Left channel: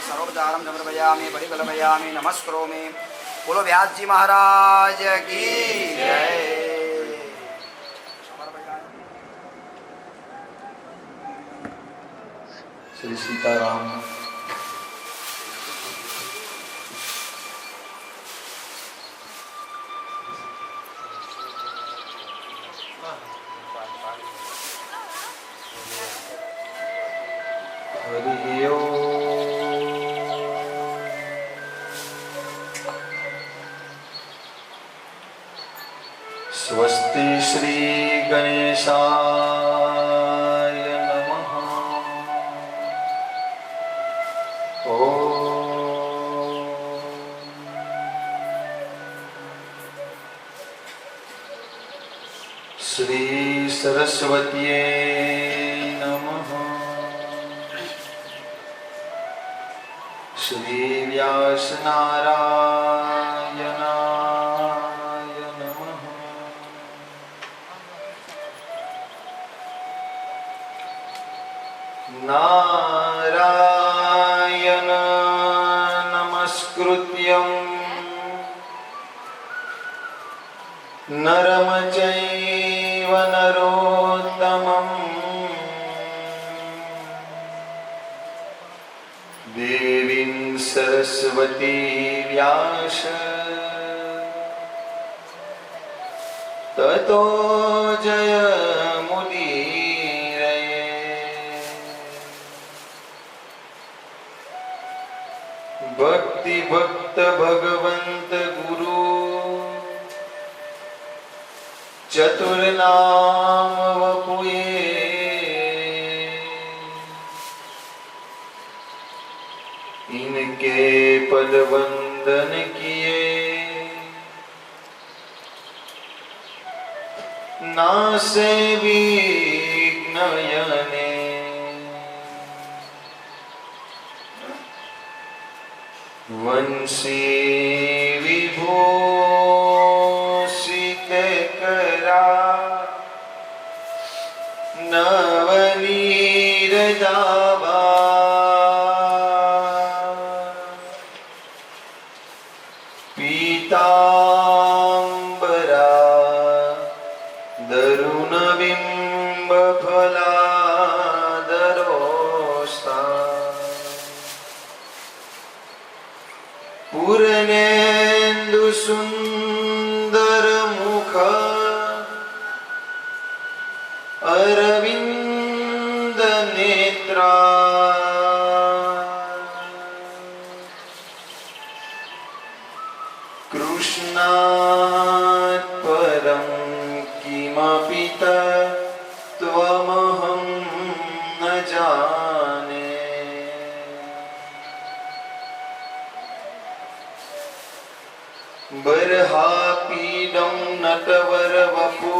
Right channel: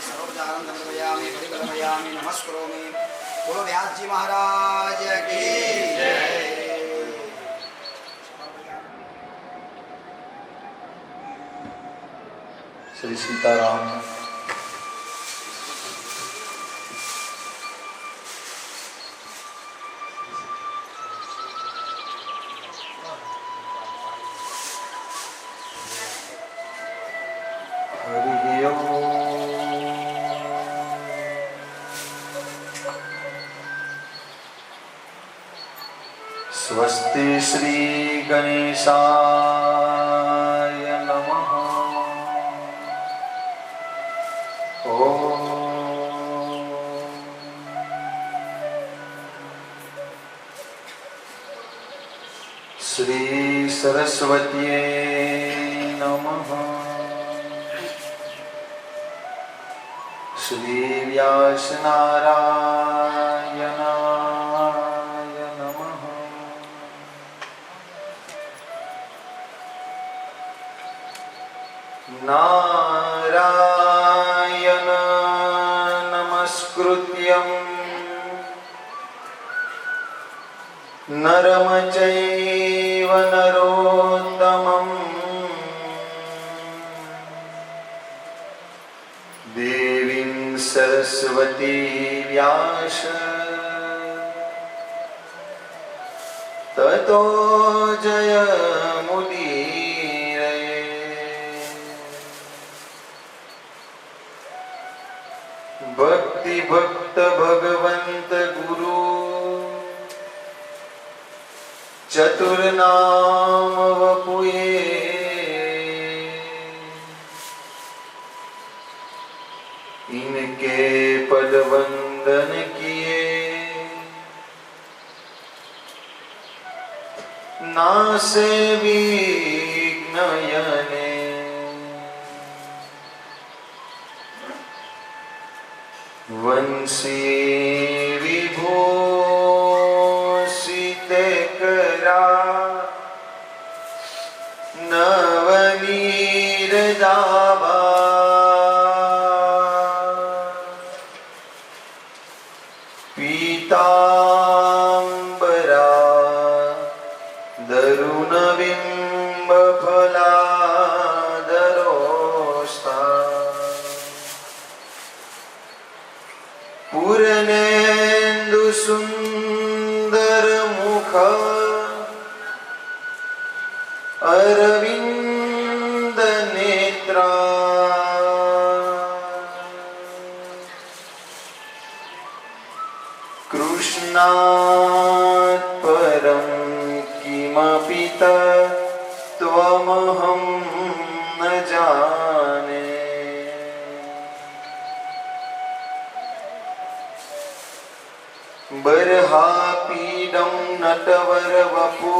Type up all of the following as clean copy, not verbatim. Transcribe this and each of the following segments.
सर्वोपचारं समर्पयामि परिकल्पयामि नमस्करोमि। बोलो व्यास जी महाराज की जय। श्री सीताराम। हरि ओम। स्वस्ति श्री गणेशाय नमः। ओम। श्री सरस्वत्यै नमः। श्री व्यासनारायणाय नमः। नारायण नमस्कृत्यं नरं चैव नरोत्तमं देवीं सरस्वती व्यास ततो जयमुदीरये। भक्ति भक्त भगवंत गुरु चतुर्नाम वपुये। इनके पद वंदन किए नासे विघ्नयने। वंशी विभूषित करा नवनीरजाभा। पीतांबरा दरुणबिंब फलादरोस्ता। पूर्णेन्दु सुंदर मुख अरविंद नेत्रा। कृष्णात् पर परं किमपि तत्त्वमहं न जाने। बर्हापीडं नटवरवपु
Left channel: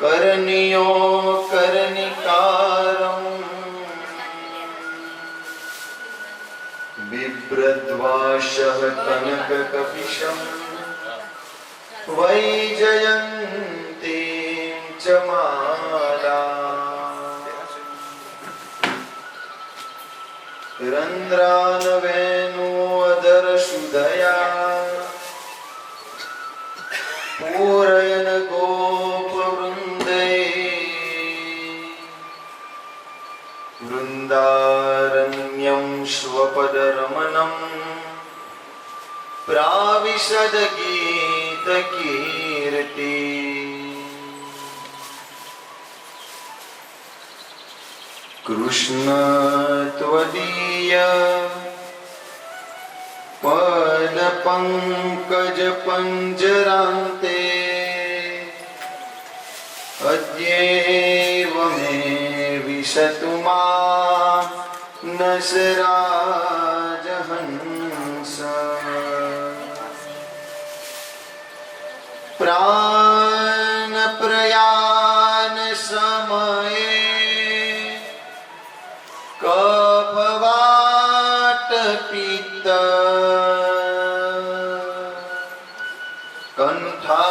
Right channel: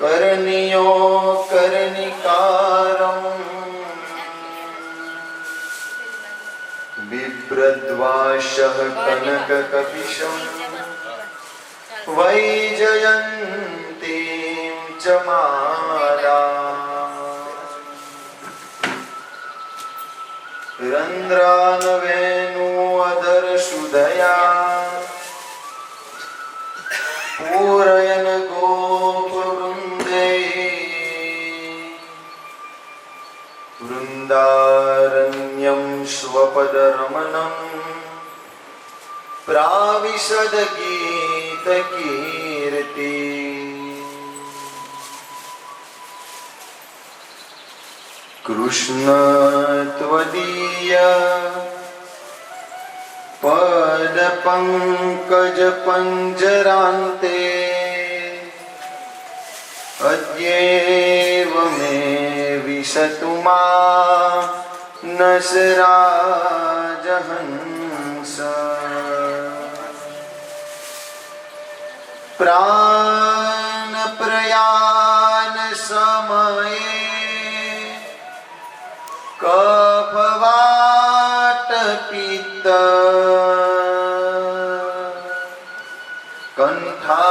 करणीयो कर्णिकारम् बिभ्रद्वाशः कनककपिशम् वैजयन्तीं च माला रन्ध्रानवेणुअधरसुधया पूरयन् गोपवृन्दै वृन्दारण्यं स्वपदरमणं प्राविशद गीतकीर्ति। कृष्ण त्वदीय पदपङ्कजपञ्जरान्ते अद्यैव मे विशतु मानसराजहंस। प्राणप्रयाण समये कफवातपित्त कण्ठावरोधनविदो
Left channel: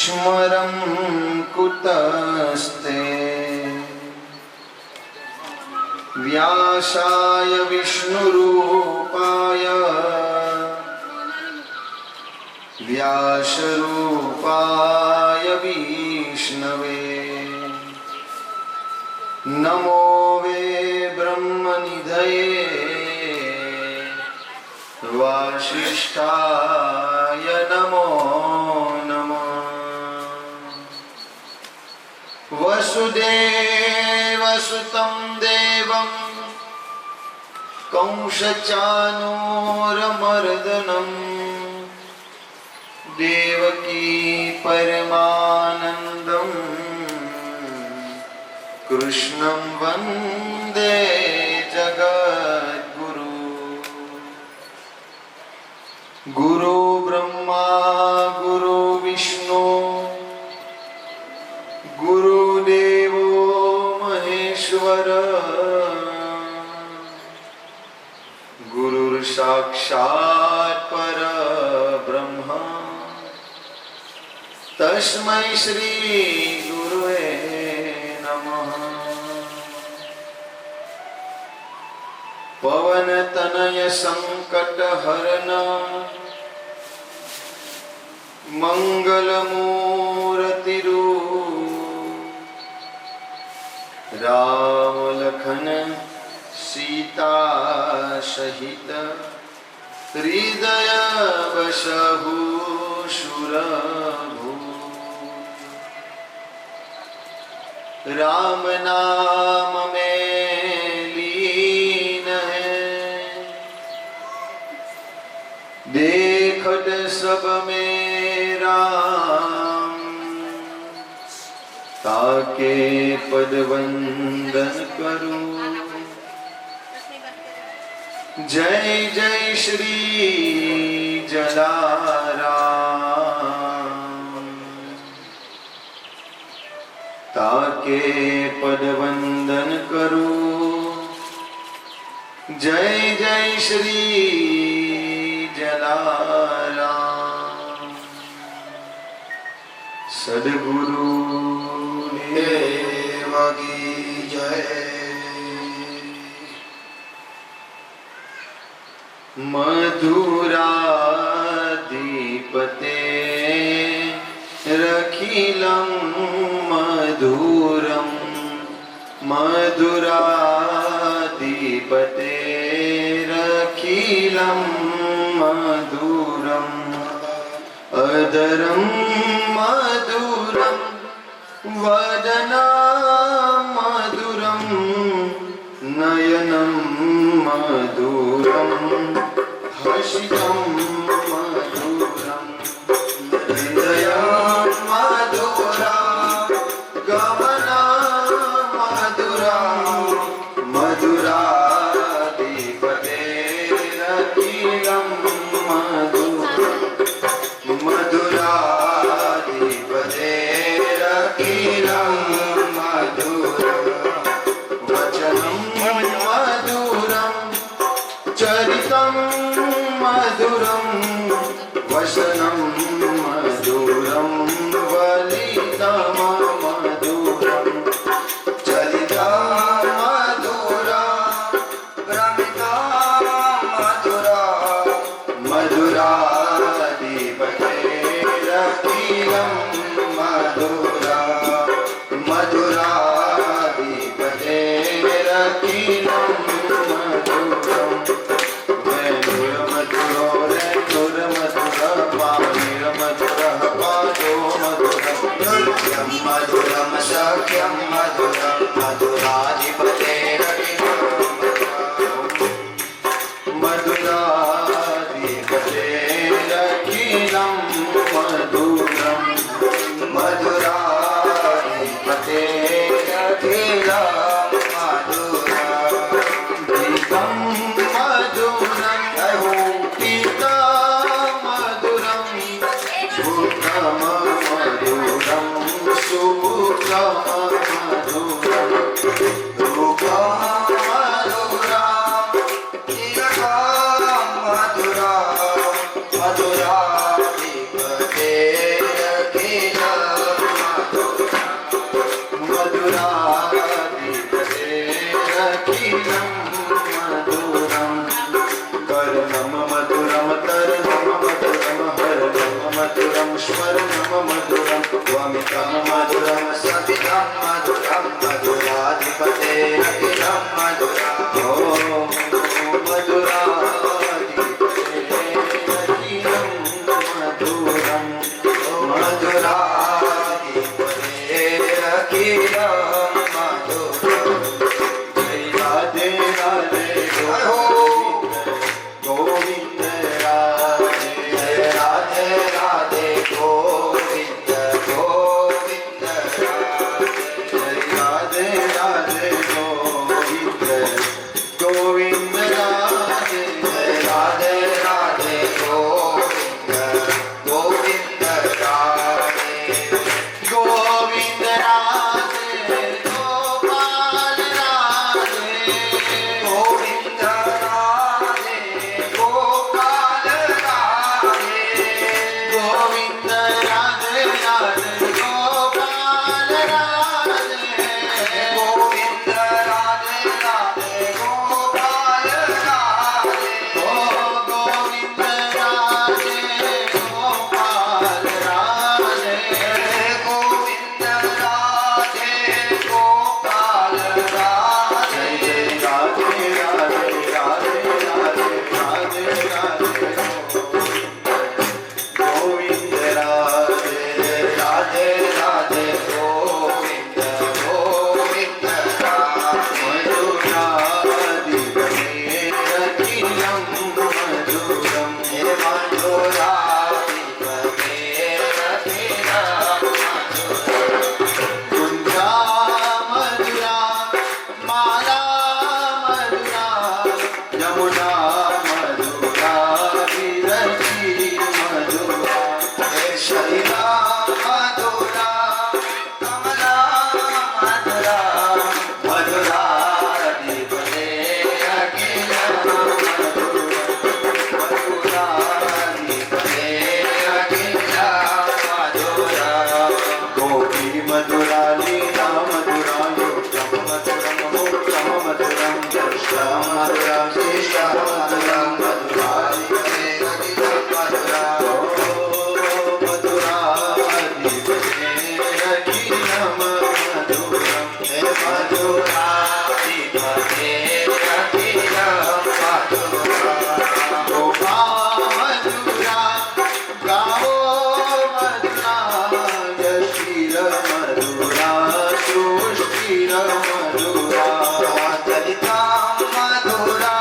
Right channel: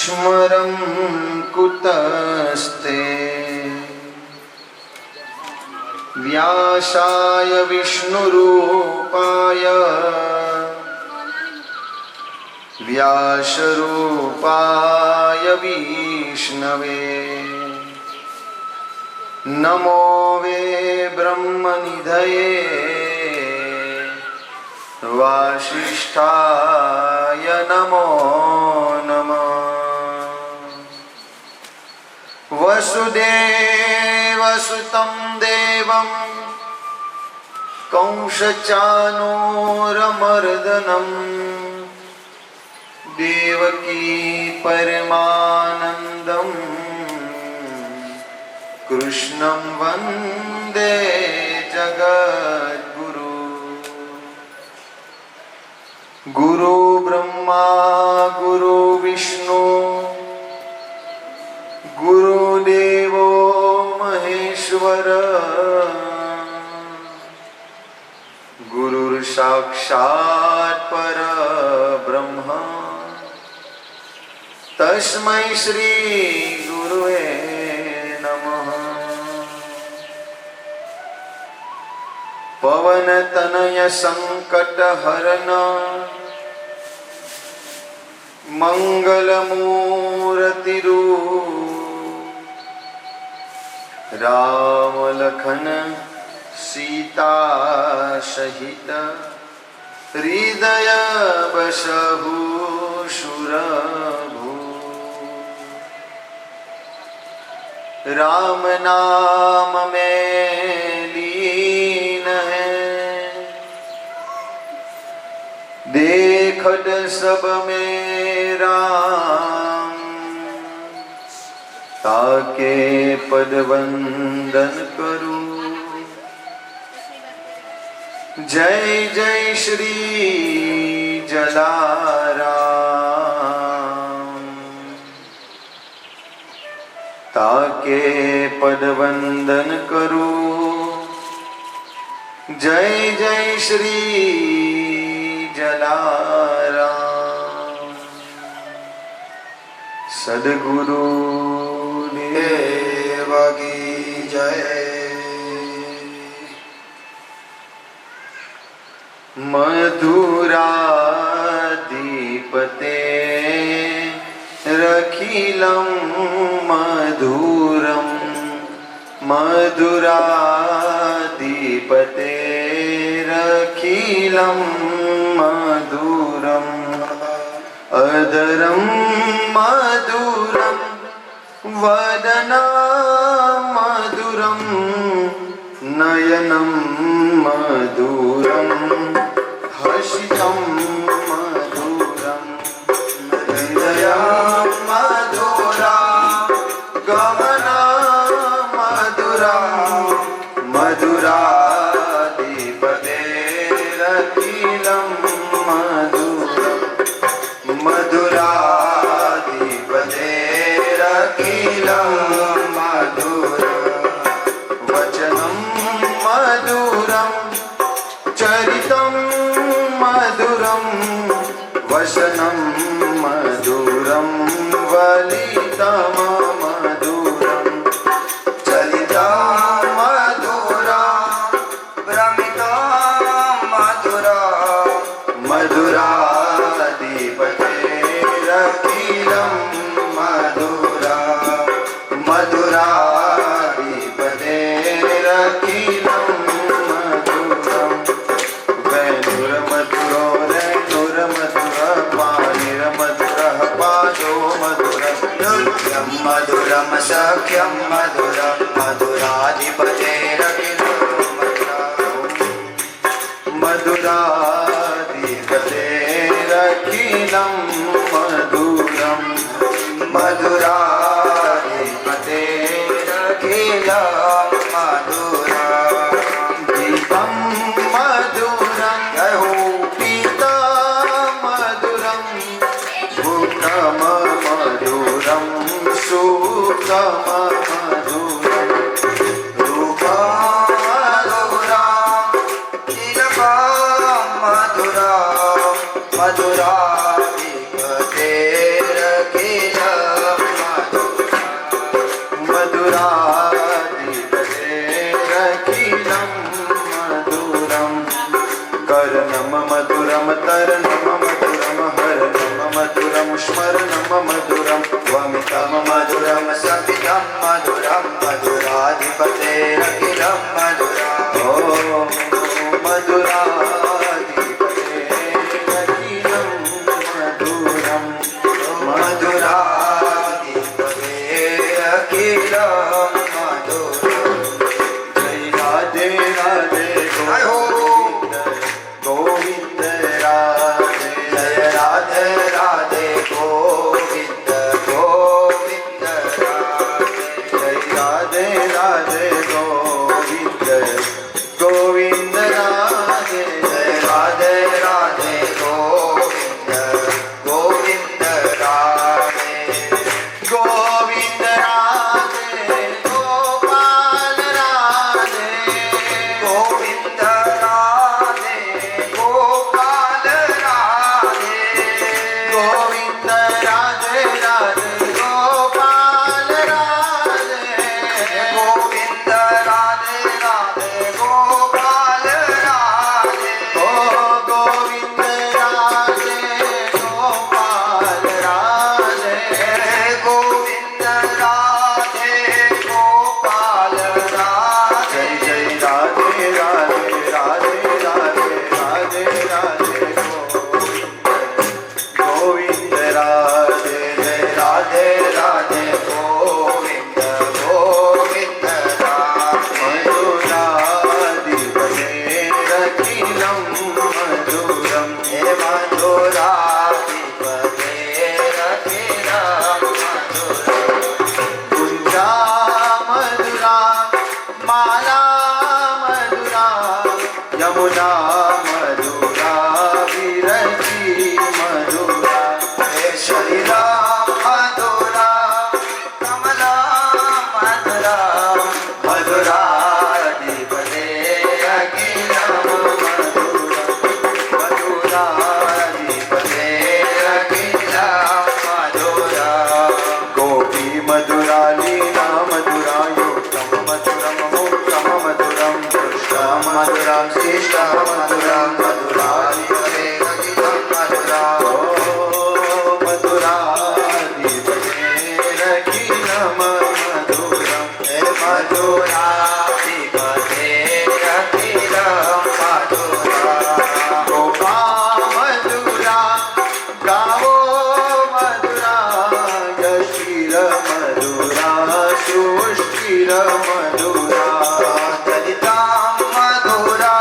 स्मरं कुतस्ते। व्यासाय विष्णुरूपाय व्यासरूपाय विष्णवे नमो वे ब्रह्मनिधये वासिष्ठाय नमो नमः। वसुदेवसुतं देवं कंसचानूरमर्दनं देवकी परमानन्दं कृष्णं वन्दे जगद्गुरु। गुरु ब्रह्मा गुरु विष्णु गुरुदेवो महेश्वर गुरुर्साक्षात् परब्रह्म तस्मै श्री गुरुवे नमः। पवनतनय संकटहरण मंगलमूर्तिरूप राम लखन सीता सहित हृदय बसहु सुरभु। राम नाम में लीन है देखत सब में राम। ताके पद वंदन करूं जय जय श्री जलाराम। ताके पद वंदन करूं जय जय श्री जलाराम। सद्गुरु देव की जय। मधुराधिपते रखिलं मधुरं मधुराधिपते रखिलं मधुरम् अधरं मधुरं वदना मधुरं नयनं मधुरं हसितं मधुरं हृदयं मधुरं गमनं मधुरं मधुराधिपतेरखिलं मधुरं मधुराधिपतेरखिलं मधुरं वचनं मधुरं चरितं मधुरं वसनं मधुरं वलितं मधुरं चरितं मधुरं भ्रमितं मधुरं मधुराधिपतेरखिलं मधुरं मधुराधिपतेरखिलं मधुरं वैनुरमधुरो रैनुरमधुरपाणिरमधुरः पादो मधुरं नृत्यं मधुरं सख्यं मधुरं मधुराधिपतेरखिलं मधुराधिपतेरखिलं मधुरं मधुराधिपतेरखिलं मधुरं गीतं मधुरं गीतं मधुरं भूतं मधुरं सुखं मधुरं रूपं मधुरं तिलकं मधुरं मधुराधिपतेरखिलं मधुराधिपतेरखिलं मधुरं कर्णं मधुरं तरणं मधुरं हरणं मधुरं स्मरणं मधुरं वमितं मधुरं सतितं मधुरं मधुराधिपतेरखिलं मधुरं ॐ मधुराधिपतेरखिलं मधुरं मधुराधिपतेरखिलं मधुरं जय राधे राधे जय हो गोविंद राधे जय राधे राधे गोविंद गोविंद राधे जय राधे राधे गोविंद गोविंद राधे जय राधे राधे गोविंद गोविंद राधे गोविंद राधे गोपाल राधे गोविंद राधे गोपाल राधे गोविंद राधे राधे गोपाल राधे गोविंद राधे राधे गोपाल राधे ओ गोविंद राधे गोपाल राधे गोविंद राधे गोपाल राधे जय राधे राधे राधे राधे राधे राधे गोविंद राधे जय राधे राधे गोविंद गोविंद राधे मधुराधिपतेरखिलं मधुरं हे मधुराधिपतेरखिलं कुञ्जा मधुरा माला मधुरा यमुना मधुरा विरची मधुरा हे शैला मधुरा कमला मधुरा मधुराधिपतेरखिलं मधुरं मधुराधिपतेरखिलं मधुरं गोपी मधुरा लीला मधुरा योगं मधुरं मूर्तं मधुरं कृष्णं मधुरं शिष्टं मधुरं मधुराधिपतेरखिलं मधुरं मधुराधिपतेरखिलं मधुरं हे मधुराधिपतेरखिलं मधुरं गोपा मधुरा गावो मधुरा यशीर मधुरा सुष्टिर मधुरा चरिता मधुरा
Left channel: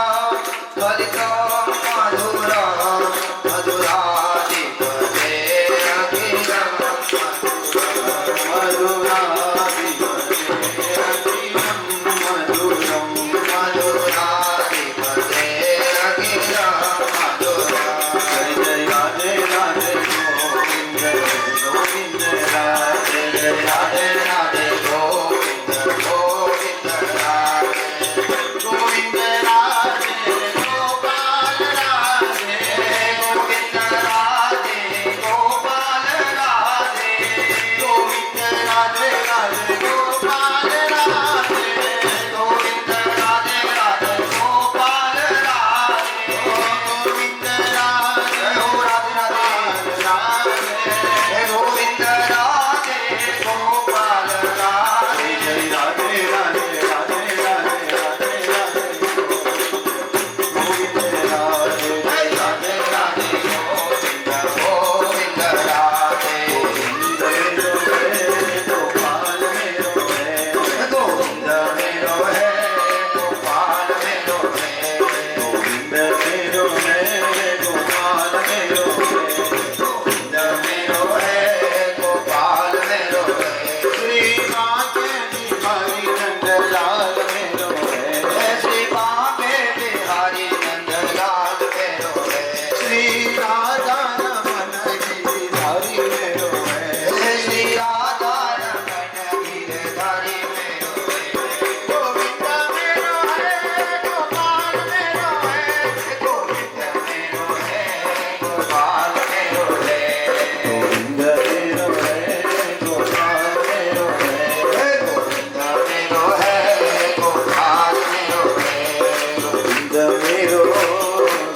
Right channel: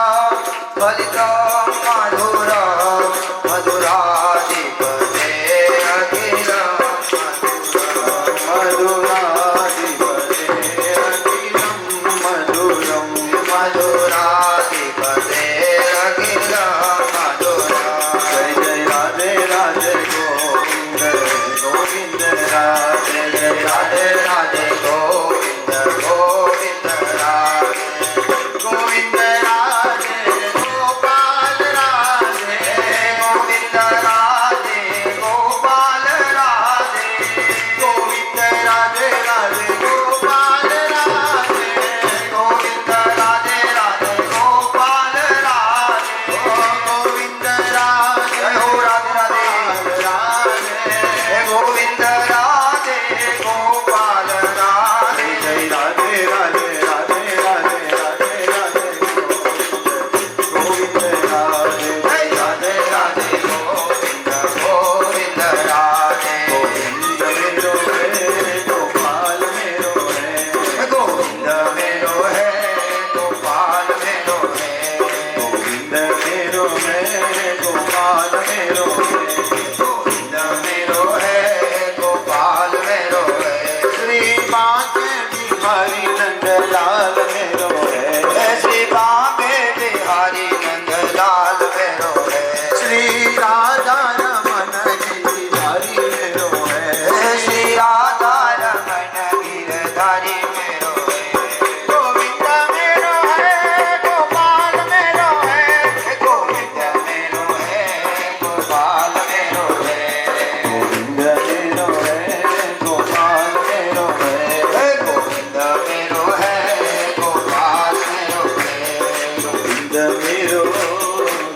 मेरो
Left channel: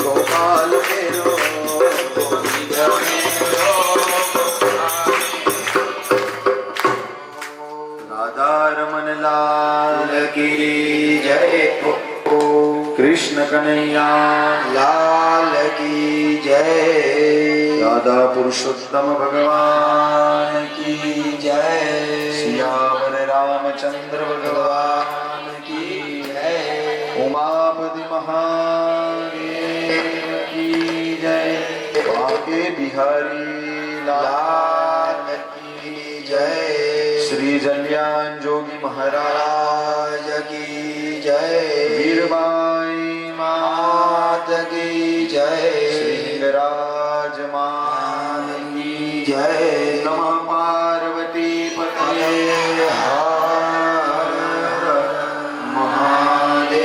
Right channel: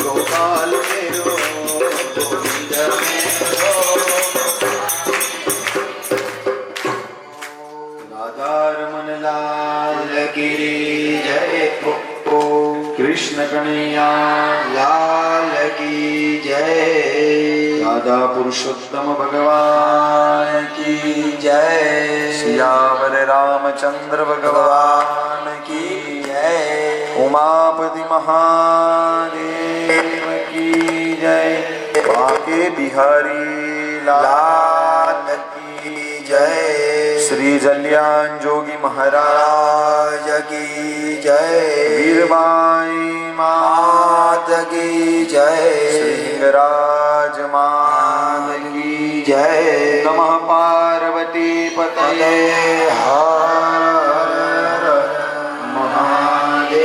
गोपाल मेरो गोविंद मेरो राधा रमन लाल की जय कृष्ण कन्हैया लाल की जय राधा पुरुषोत्तम भगवान की जय सियावर रामचंद्र भगवान की जय उमापति महादेव की जय बाके बिहारी लाल लाल की जय श्री जल्यान जोगी महाराज राज की जय वीरबाई मात की जय श्रीराज मान की जय नमः पार्वती पतये हर महादेव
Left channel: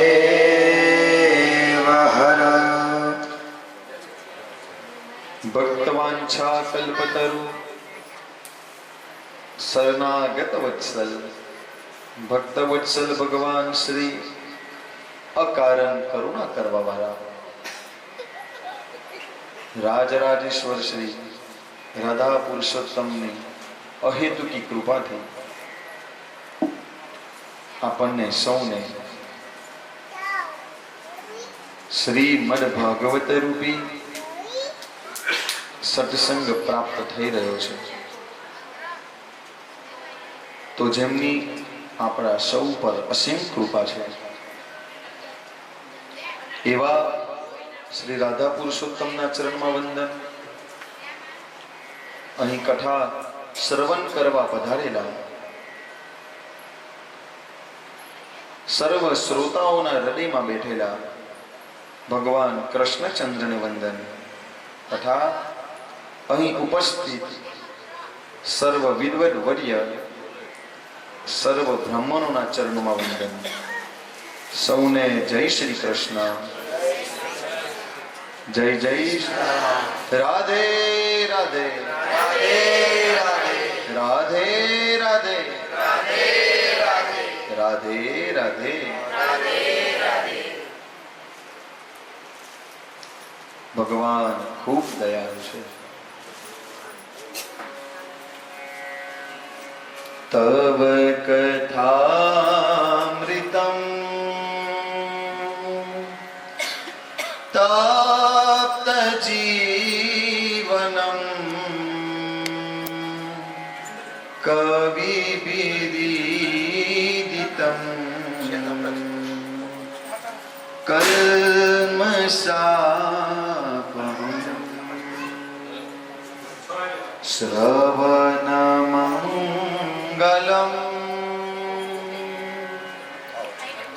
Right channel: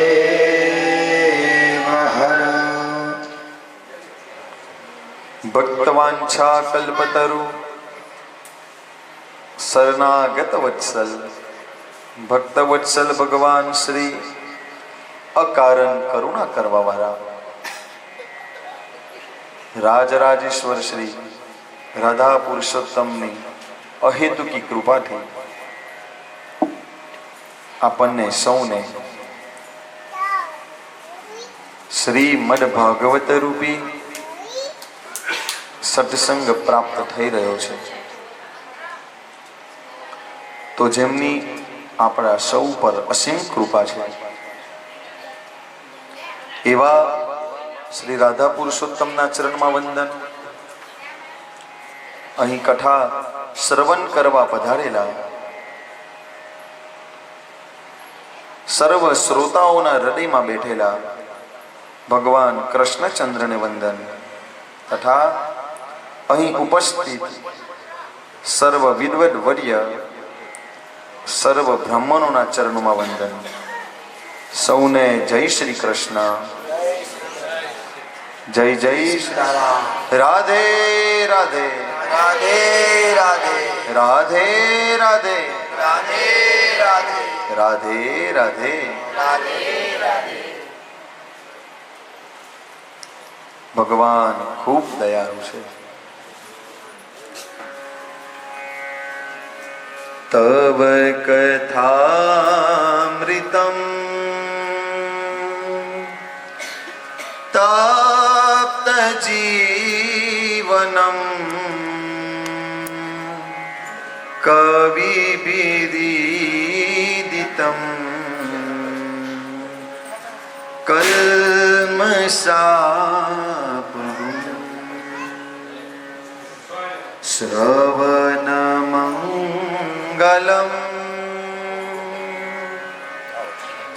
हर भक्तवांछा कल्पतरु शरणागत वत्सल भक्त वत्सल भगवान श्री अकारण करुणा करवा वाला राजराजेश्वर श्री राधा पुरुषोत्तमની અહેતુકી કૃપાથી આપણને સૌને શ્રીમદ ભાગવત રૂપી સત્સંગ પ્રાપ્ત થઈ રહ્યો છે. તો જેમની આપણા સૌ પર અસીમ કૃપા છે એવા શ્રી રાધા પુરુષોત્તમના ચરણમાં વંદન. અહીં કથા શ્રવણ કરવા પધારેલા સર્વ શ્રોતાઓના હૃદયમાં બેઠેલા ભગવાન કૃષ્ણચંદ્રને વંદન તથા અહીં ઉપસ્થિત સર્વ વિદ્વદ વર્ય સર્વ બ્રાહ્મણોના ચરણોમાં વંદન. સૌને જય શ્રી કૃષ્ણ, જય જય રાધે રાધે રાધે રાધે રાધે રાધે રાધે રાધે રાધે રાધે. રાધે રાધે ભગવાન ખૂબ દયાળુ છે. તવ કથામૃતમ તપ્ત જીવનમ કવિભિદીદિતમ કલ્મષાપહં શ્રવણમંગલમ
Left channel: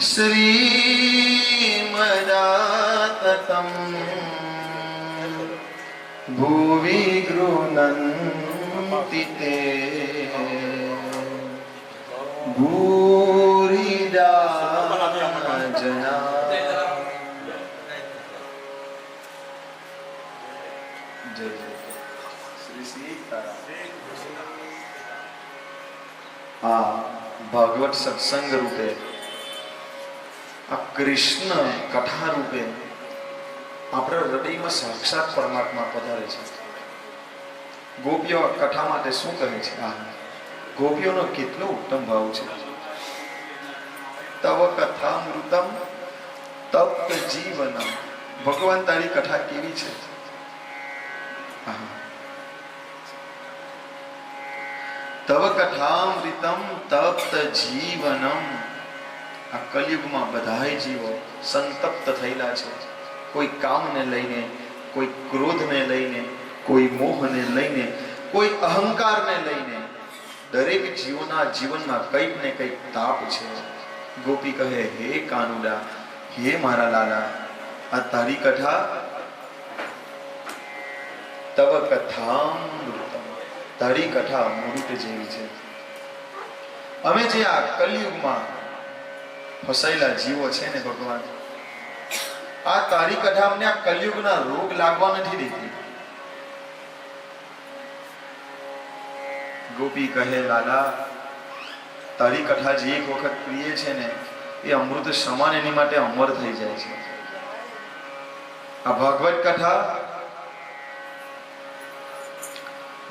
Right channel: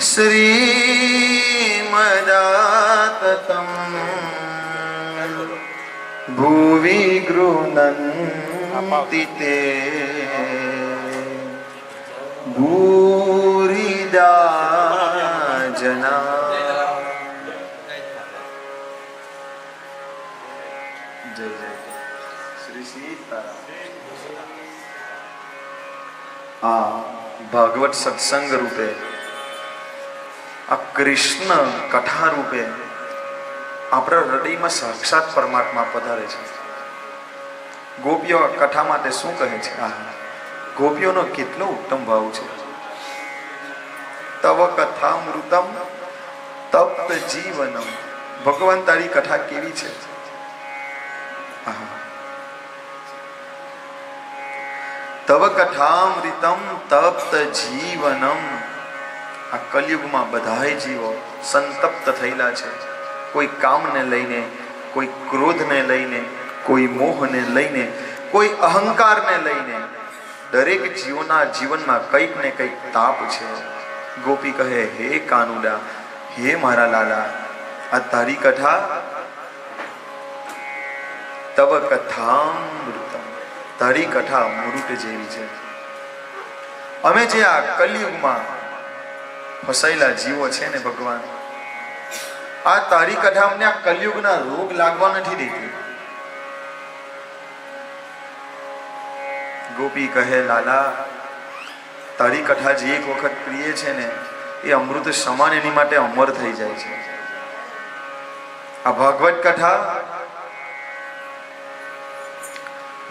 શ્રીમદાતતમ ભુવિ ગૃહ્ણન્તિ તે ભૂરિદા જના. જય જય શ્રી સીતારામ. આ ભાગવત સત્સંગ રૂપે આ કૃષ્ણ કથા રૂપે આપણા હૃદયમાં સાક્ષાત પરમાત્મા પધારે છે. ગોપીઓ કથા માટે શું કહે છે? ગોપીઓનો કેટલો ઉત્તમ ભાવ છે. તવ કથામૃતમ તપ્ત જીવનમ. ભગવાન તારી કથા કેવી છે? તવ કથામૃતમ તપ્ત જીવનમ. આ કલયુગમાં બધાય જીવો સંતપ્ત થયેલા છે. કોઈ કામને લઈને, કોઈ ક્રોધને લઈને, કોઈ મોહને લઈને, કોઈ અહંકારને લઈને. દરેક જીવોના જીવનમાં કંઈક ને કંઈક તાપ છે. ગોપી કહે, હે કાનુડા, હે મારા લાલા, આ તારી કથા તવ કથામૃતમ. તારી કથા અમૃત જેવી છે. અમે જે આ કલયુગમાં ફસાયેલા જીવો છે ને ભગવાન, આ તારી કથા અમને આ કલયુગના રોગ લાગવા નથી દેતી. ગોપી કહે, લાલા, તારી કથા જે એક વખત પ્રિય છે ને, એ અમૃત સમાન એની માટે અમર થઈ જાય છે. આ ભાગવત કથા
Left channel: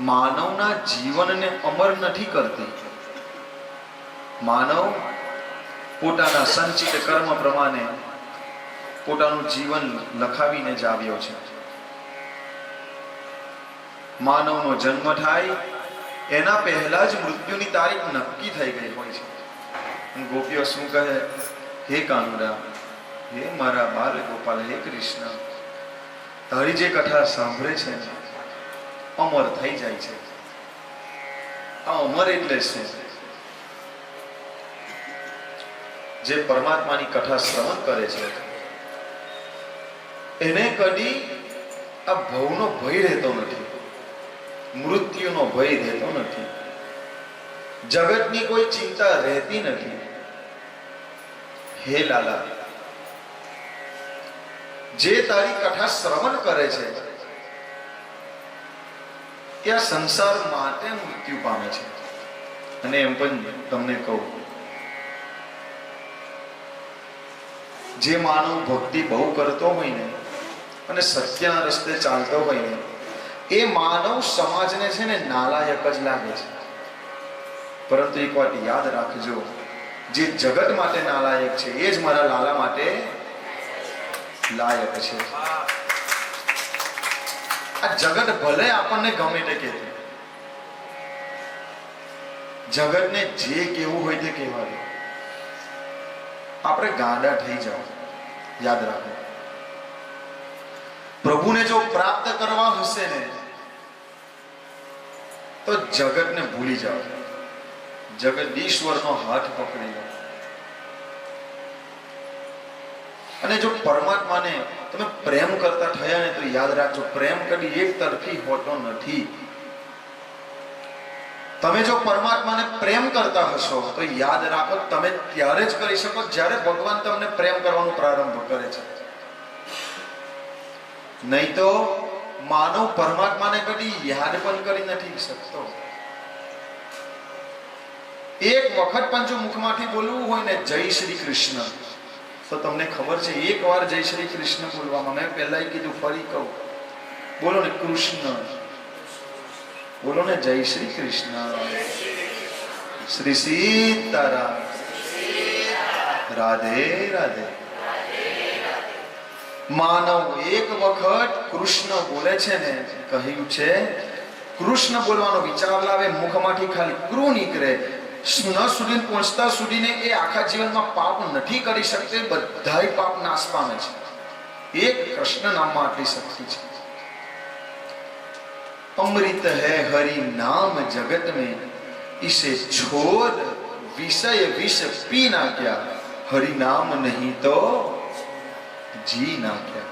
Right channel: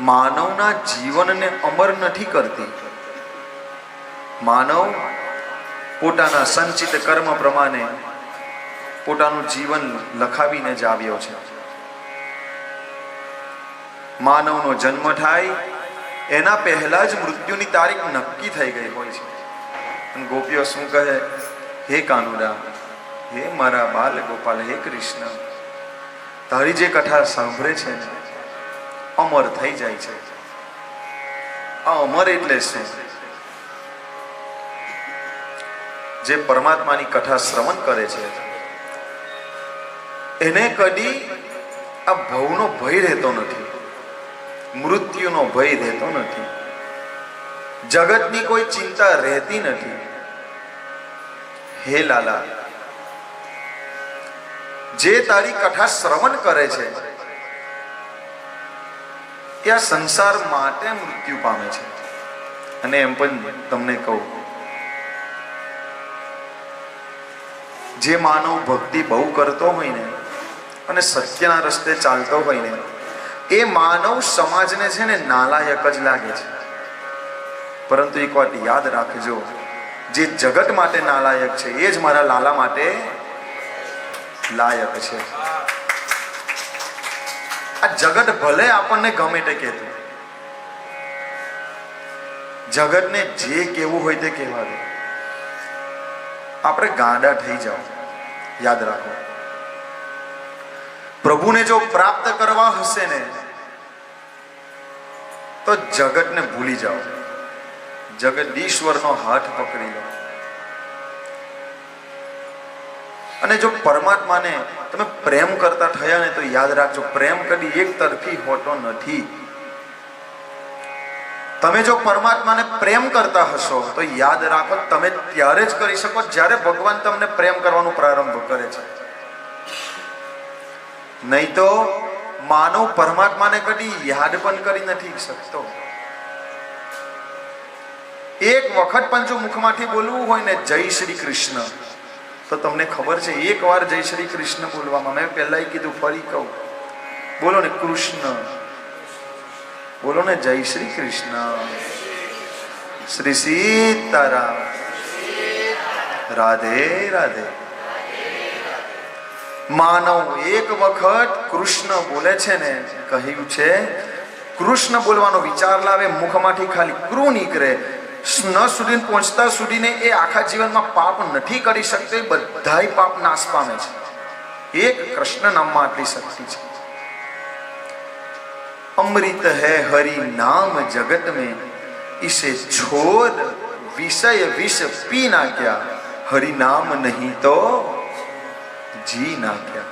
માનવના જીવનને અમર નથી કરતી. માનવ પોતાના સંચિત કર્મ પ્રમાણે પોતાનું જીવન લખાવીને જ આવ્યો છે. માનવનો જન્મ થાય એના પહેલા જ મૃત્યુની તારીખ નક્કી થઈ ગઈ હોય છે. ગોપીઓ શું કહે? હે કાનુડા, હે મારા બાલ ગોપાલ, હે કૃષ્ણ, તારી જે કથા સાંભળે છે ને અમર થઈ જાય છે. આ અમર એટલે શું? જે પરમાત્માની કથા શ્રવણ કરે છે એને કદી આ ભવનો ભય રહેતો નથી, મૃત્યુનો ભય રહેતો નથી, જગતની કોઈ ચિંતા રહેતી નથી. હે લાલા, જે તારી કથા શ્રવણ કરે છે ત્યાં સંસાર માટે મૃત્યુ પામે છે. અને એમ પણ તમને કહું, જે માનવ ભક્તિ બહુ કરતો હોય ને અને સત્યના રસ્તે ચાલતો હોય ને એ માનવ સમાજને છે ને નાલાયક જ લાગે છે. પરંતુ એક વાત યાદ રાખજો, જે જગત માટે નાલાયક છે એ જ મારા લાલા માટે લાયક છે. આ જગત ભલે આપણને ગમે તે કહેતું, જગતને જે કેવું હોય તે કહેવા દે, આપણે ગાંડા થઈ જાઓ. યાદ રાખો, પ્રભુને જો પ્રાપ્ત કરવા હશે ને તો જગતને ભૂલી જાઓ, જગદીશ્વરનો હાથ પકડી લો. અને જો પરમાત્માને તમે પ્રેમ કરતા થયા ને તો યાદ રાખજો, પ્રેમ કદી એક તરફી હોતો નથી. તમે જો પરમાત્માને પ્રેમ કરતા હશો તો યાદ રાખો, તમે ત્યારે જ કરી શકો જ્યારે ભગવાન તમને પ્રેમ કરવાનું પ્રારંભ કરે છે. નહીં તો માનવ પરમાત્માને કદી યાદ પણ કરી નથી શકતો. એક વખત પણ જો મુખમાંથી બોલવું હોય ને જય શ્રી કૃષ્ણ, તો તમને ખબર છે એક વાર જય શ્રી કૃષ્ણ બોલવામાં, મેં પહેલા કીધું ફરી કહું, બોલો ને કૃષ્ણ, બોલો ને જય શ્રી કૃષ્ણ, શ્રી સીતારામ, રાધે રાધે. માનવ એક વખત કૃષ્ણ બોલે છે ને, કહ્યું છે કૃષ્ણ બોલવાનો વિચાર લાવે, મુખમાંથી ખાલી કૃ નીકળે, ન સુધી પહોંચતા સુધીને એ આખા જીવનમાં પાપ નથી કરી શકતો. બધાય પાપ નાશ પામે છે. એક કૃષ્ણ નામમાં આટલી શક્તિ છે. अमृत है हरि नाम जगत में, इसे छोड़ विषय विष पी ना क्या, हरि नाम नहीं तो જી ના क्या.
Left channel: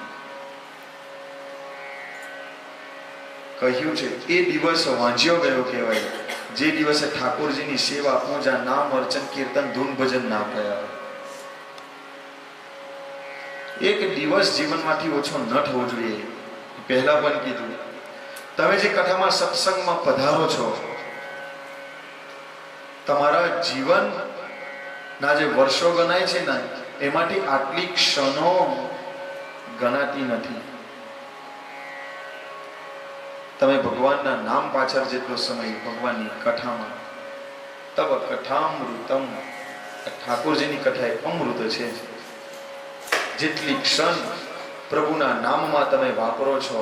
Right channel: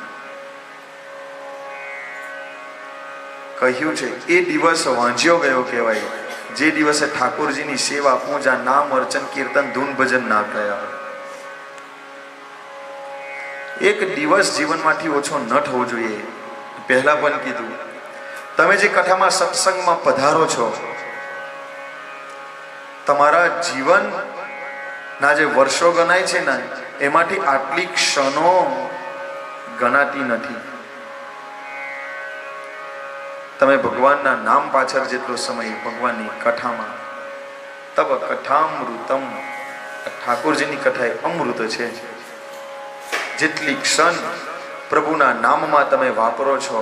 કહ્યું છે એ દિવસ વાંચ્યો ગયો કહેવાય જે દિવસે ઠાકોરજીની સેવા, પૂજા, નામ, અર્ચન, કીર્તન, ધૂન, ભજન ના કર્યા. એક દિવસ જીવનમાંથી ઓછો ન થવો જોઈએ. પહેલા પણ કીધું, તમે જે કથામાં સત્સંગમાં પધારો છો, તમારા જીવનના જે વર્ષો ગણાય છે ને એમાંથી આટલી ક્ષણો ગણાતી નથી. તમે ભગવાનના નામ પાછળ જેટલો સમય ભગવાનની કથામાં, તબ કથામૃતમ, ઠાકોરજીની કથા એ અમૃત છે. જેટલી ક્ષણ પ્રભુના નામમાં તમે વાપરો છો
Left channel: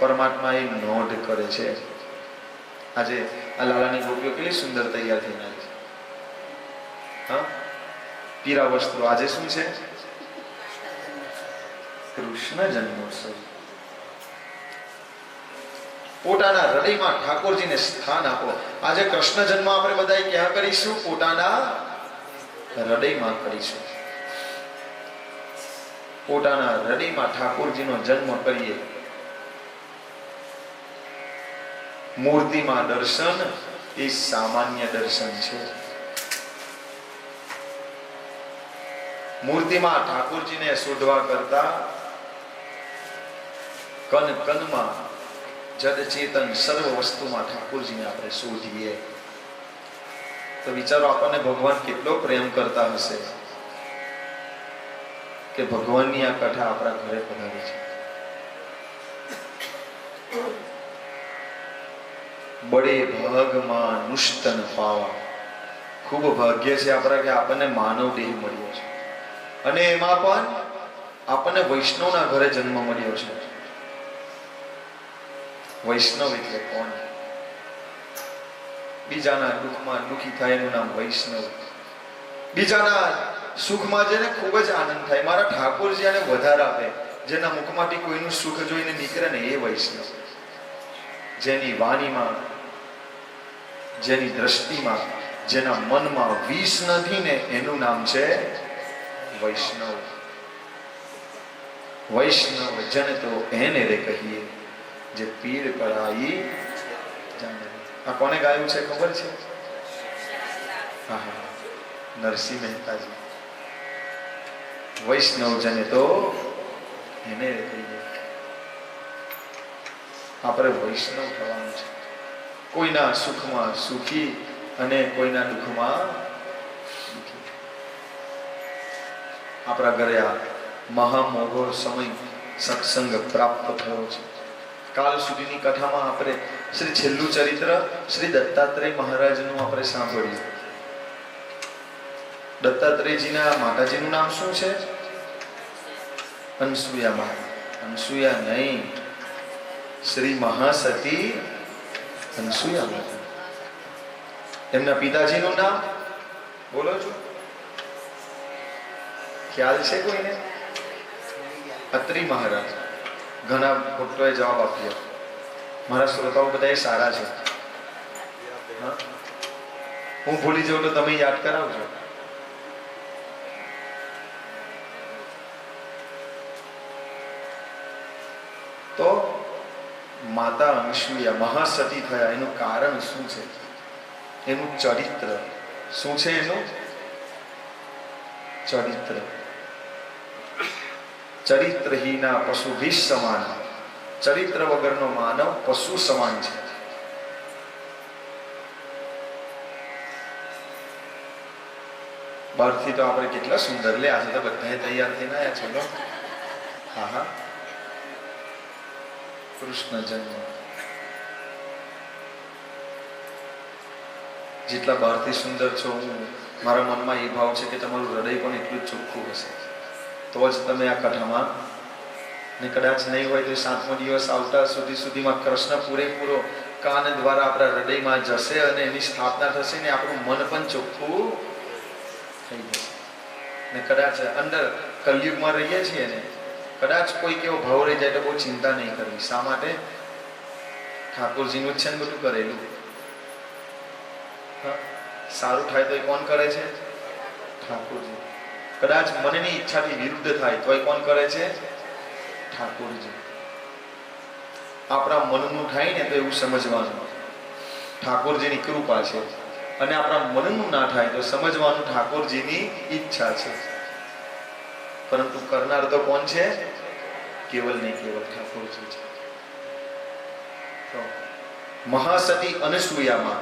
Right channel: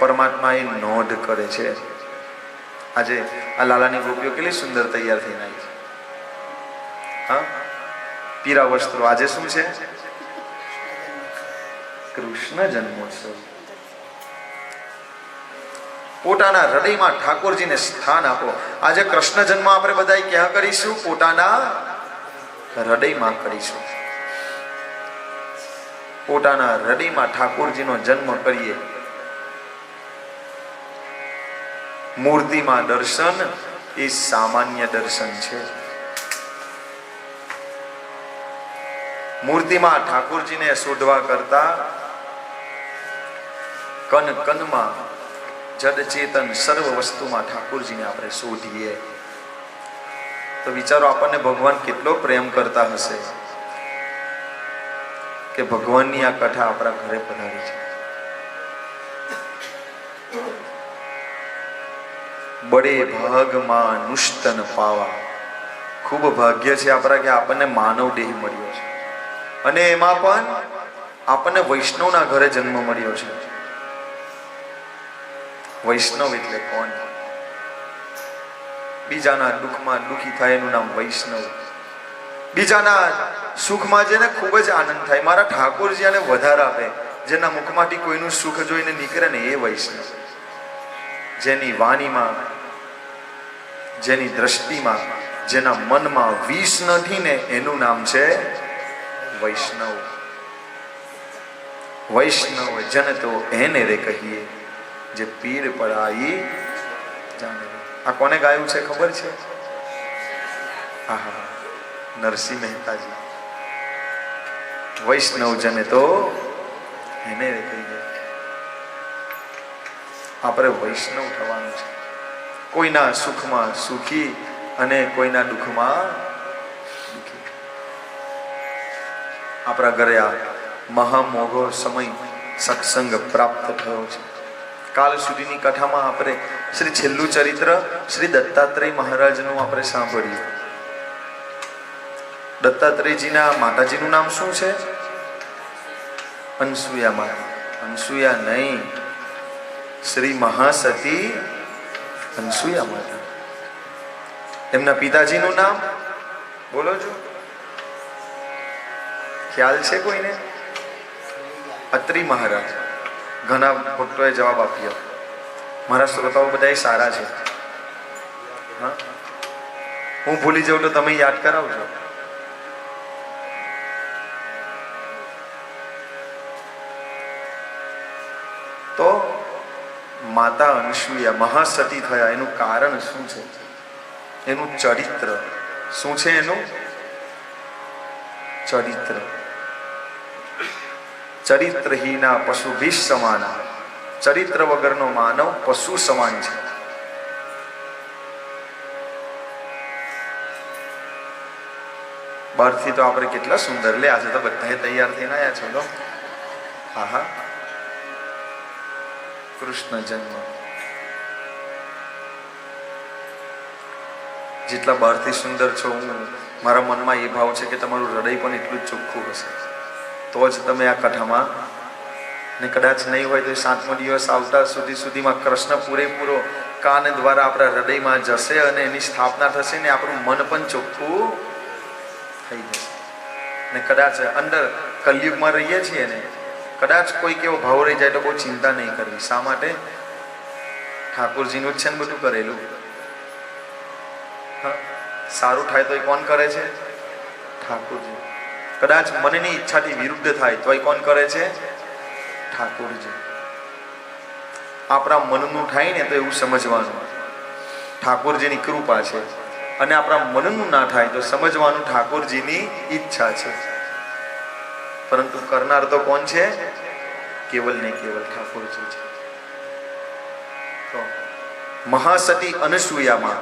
પરમાત્મા એ નોંધ કરે છે. આજે આ લાલાની ગોપીઓ કેટલી સુંદર તૈયાર થઈને આવી છે. હા, પીરા વસ્ત્રો. આજે શું છે? કૃષ્ણ જન્મોત્સવ. પોતાના હૃદયમાં ઠાકોરજીને સ્થાન આપો. આજે કૃષ્ણ જન્મ આપણે બધા ક્યાં કરીશું? પોતાના હૃદયમાં કરીશું. પોતાના હૃદયમાં ઠાકોરજીનો જન્મ કરીએ. મૂર્તિમાં દર્શન એ સામાન્ય દર્શન છે. મૂર્તિમાં ઠાકોરજીને શોધવા કરતા કન કનમાં જડ ચેતન સર્વ વસ્તુમાં ઠાકોરજીને આપણે શોધીએ તો વિચારો આપણને ભગવાન કેટલો પ્રેમ કરતા હશે કે ભગવાનની આ કથા આપણા ઘરે પધારી છે. બડે ભાગમાં નુષ્તન પાવા. ખૂબ ભાગ્ય છે આપણા કે આપણને માનવ દેહ મળ્યો છે, અને એમાં પણ આપણને વૈષ્ણવના ઘરે જન્મ મળ્યો છે. વૈષ્ણવ એટલે કોણ? બીજાના દુઃખમાં દુઃખી થાય એનું નામ વૈષ્ણવ. બીજાના સુખમાં જેને ખૂબ જ આનંદ થાય, મારા ઠાકોરજી આને વધારે આપે, જેના મુખમાંથી કોઈનું સુખ જોઈને નીકળે ને એ વૈષ્ણવ. જેની વાણીમાં, જેની દ્રષ્ટિમાં, જેના મનમાં વિષ નથી ને એનું નામ છે વૈષ્ણવ. વૈષ્ણવ જન તો એને રે કહીએ, જે પીર પરાઈ જાણે. આ કોને ગાયું છે ખબર છે? આહા, નરસિંહ મહેતાજી. વૈષ્ણવ જન તો એને રે કહીએ. આપણે વૈષ્ણવ થવાનું છે. કોઈના સુખમાં સુખી અને કોઈના દુઃખમાં દુઃખી. આપણા ઘરે આ મહામોઘો સમય સત્સંગ પ્રાપ્ત થયો છે. કાલ સુધીની કથામાં આપણે શ્રી છેલ્લું ચરિત્ર શ્રી દત્તાત્રેય મહારાજનું આપણે સાંભળ્યું. દત્તાત્રેયજીના માતાજીનું નામ શું છે? અનસુયા માતા. અનસુયા નહીં, શ્રી મહાસતી અનસુયા માતા. એમના પિતાજીનું નામ બોલો છો? ખ્યાલ છે કોઈને? અત્રી મહારાજ. ઘણા ભક્તોએ જવાબ આપ્યો. મારા શ્રોતાઓ બધા સારા છે. હા, હું ભૂલી જાઉં તો તમે યાદ કરાવજો. તો માતા અનસુયા મહાસતી થયા એનું કારણ શું છે? એનું ચરિત્ર શું છે? એનું ચરિત્ર. ચરિત્રહીના પશુભી સમાના. ચરિત્ર વગરનો માનવ પશુ સમાન છે. બહારથી તો આપણે કેટલા સુંદર લે, આજે તો બધા તૈયાર થઈને આવ્યા છે. તો હા, કૃષ્ણ જન્મ. જેટલા બહારથી સુંદર છો, હું મારા મનમાં એ ભાવ છે કે તમારું હૃદય પણ એટલું જ ચોખ્ખું હશે, તો જ તમે આ કથામાં. ને કદાચ નહીં હોય તો 7મો દિવસ આવતા સુધીમાં કૃષ્ણ પૂરેપૂરો કાન દ્વારા આપણા હૃદયમાં જશે અને એની સ્થાપના થશે ને આપણું મન પણ ચોખ્ખું થઈ જશે. ને કદાચ અંદર કલયુગમાં રહીએ છીએ ને, કદાચ કોઈક એવો ભાવ રહી જાય તો બહુ ચિંતા નહીં કરવી. શા માટે? ઠાકોરજીનું જ છે ને બધું કરેલું. સારું થાય તો એ કોણ કરે છે? ઠાકોરજી. કદાચ મનની ઈચ્છાથી વિરુદ્ધ થાય તો એ કોણ કરે છે? ઠાકોરજી. આપણા મનનું થાય ને તો એવું સમજવાનું ઠાકોરજીની કૃપા છે, અને આપણા મનનું ના થાય તો સમજવાનું ઠાકોરજીની ઈચ્છા છે. પરંતુ કરનાર તો કોણ છે? કેવલ ને કેવલ ઠાકોરજી છે. તો મહાસતી અનસુયામાં,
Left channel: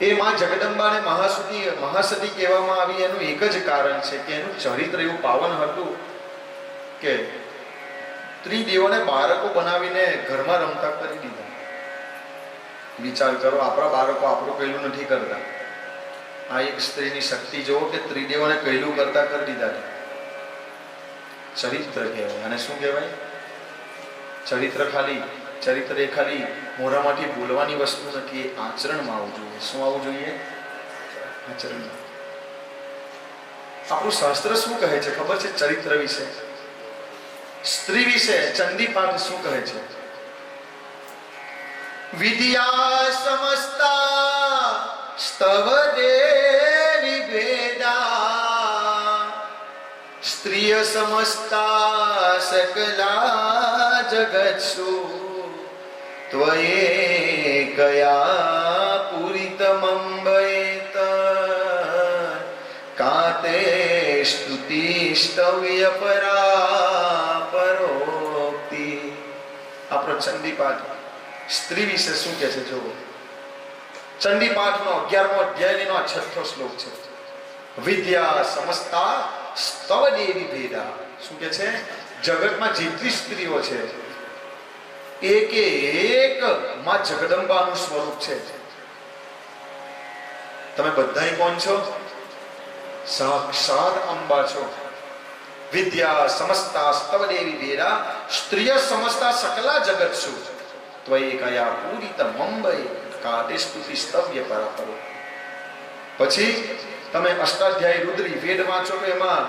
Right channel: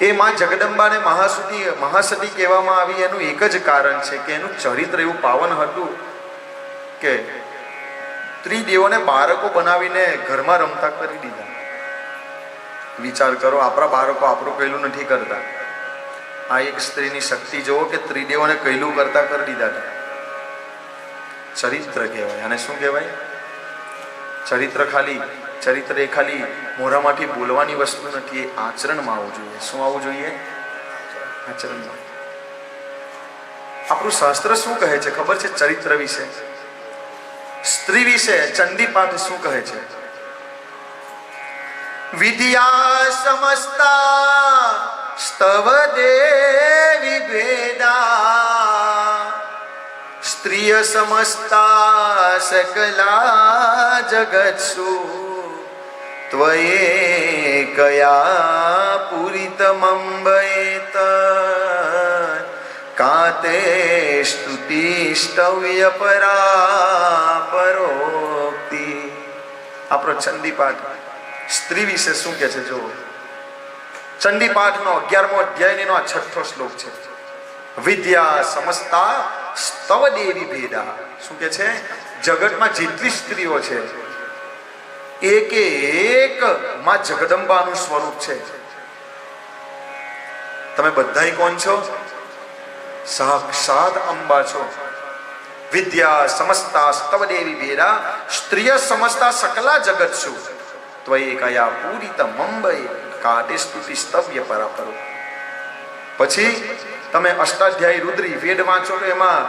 એ માં જગદંબાને મહાસતી કહેવામાં આવી એનું એક જ કારણ છે કે એનું ચરિત્ર એવું પાવન હતું કે ત્રિદેવોને બાળકો બનાવીને ઘરમાં રમતા કરી દીધા. વિચાર કરો, આપણા બાળકો આપણું કહેલું નથી કરતા. આ એક સ્ત્રીની શક્તિ જોવો કે ત્રિદેવોને કહેલું કરતા કરી દીધા. ચરિત્ર કહેવાય. અને શું કહેવાય? ચરિત્ર એ ખાલી મોઢામાંથી બોલવાની વસ્તુ નથી, એ આચરણમાં આવવું જોઈએ. શું આવવું જોઈએ? આચરણમાં. આપણું શાસ્ત્ર શું કહે છે ખબર છે? ચરિત્ર વિશે, સ્ત્રી વિશે ચંડી પાઠ શું કહે છે? વિદ્યા સમસ્તા સ્તવ દેવી ભેદા, સ્ત્રીય સમસ્તા સકલા જગત્સુ ત્વયે કયા પૂરિતમંબયેત કાતે સ્તુતિ સ્તવ્ય પરાપરોક્તિ. આપણો ચંડીપાઠ સ્ત્રી વિશે શું કહે છે? જો ચંડીપાઠનો 11મો અધ્યાયનો આ 6થો શ્લોક છે. વિદ્યા સમસ્તા સ્તવ દેવી ભેદા. શું કે છે? જગતમાં જેટલી સ્ત્રીઓ છે એક માં જગદંબાનું સ્વરૂપ છે. તમે બધાય કોણ છો? સાક્ષાત અંબા છો. વિદ્યા સમસ્તા સ્તવ દેવી વેરા સ્ત્રિય સમસ્તા સકલા જગત્સુ ત્વયે કયા પૂરિત મંબય કાટે સ્તુતિ સ્તવ્ય પરાપરો. પછી તમે અષ્ટાધ્યાયી રુદ્રી વેદ વાંચો તો એમાં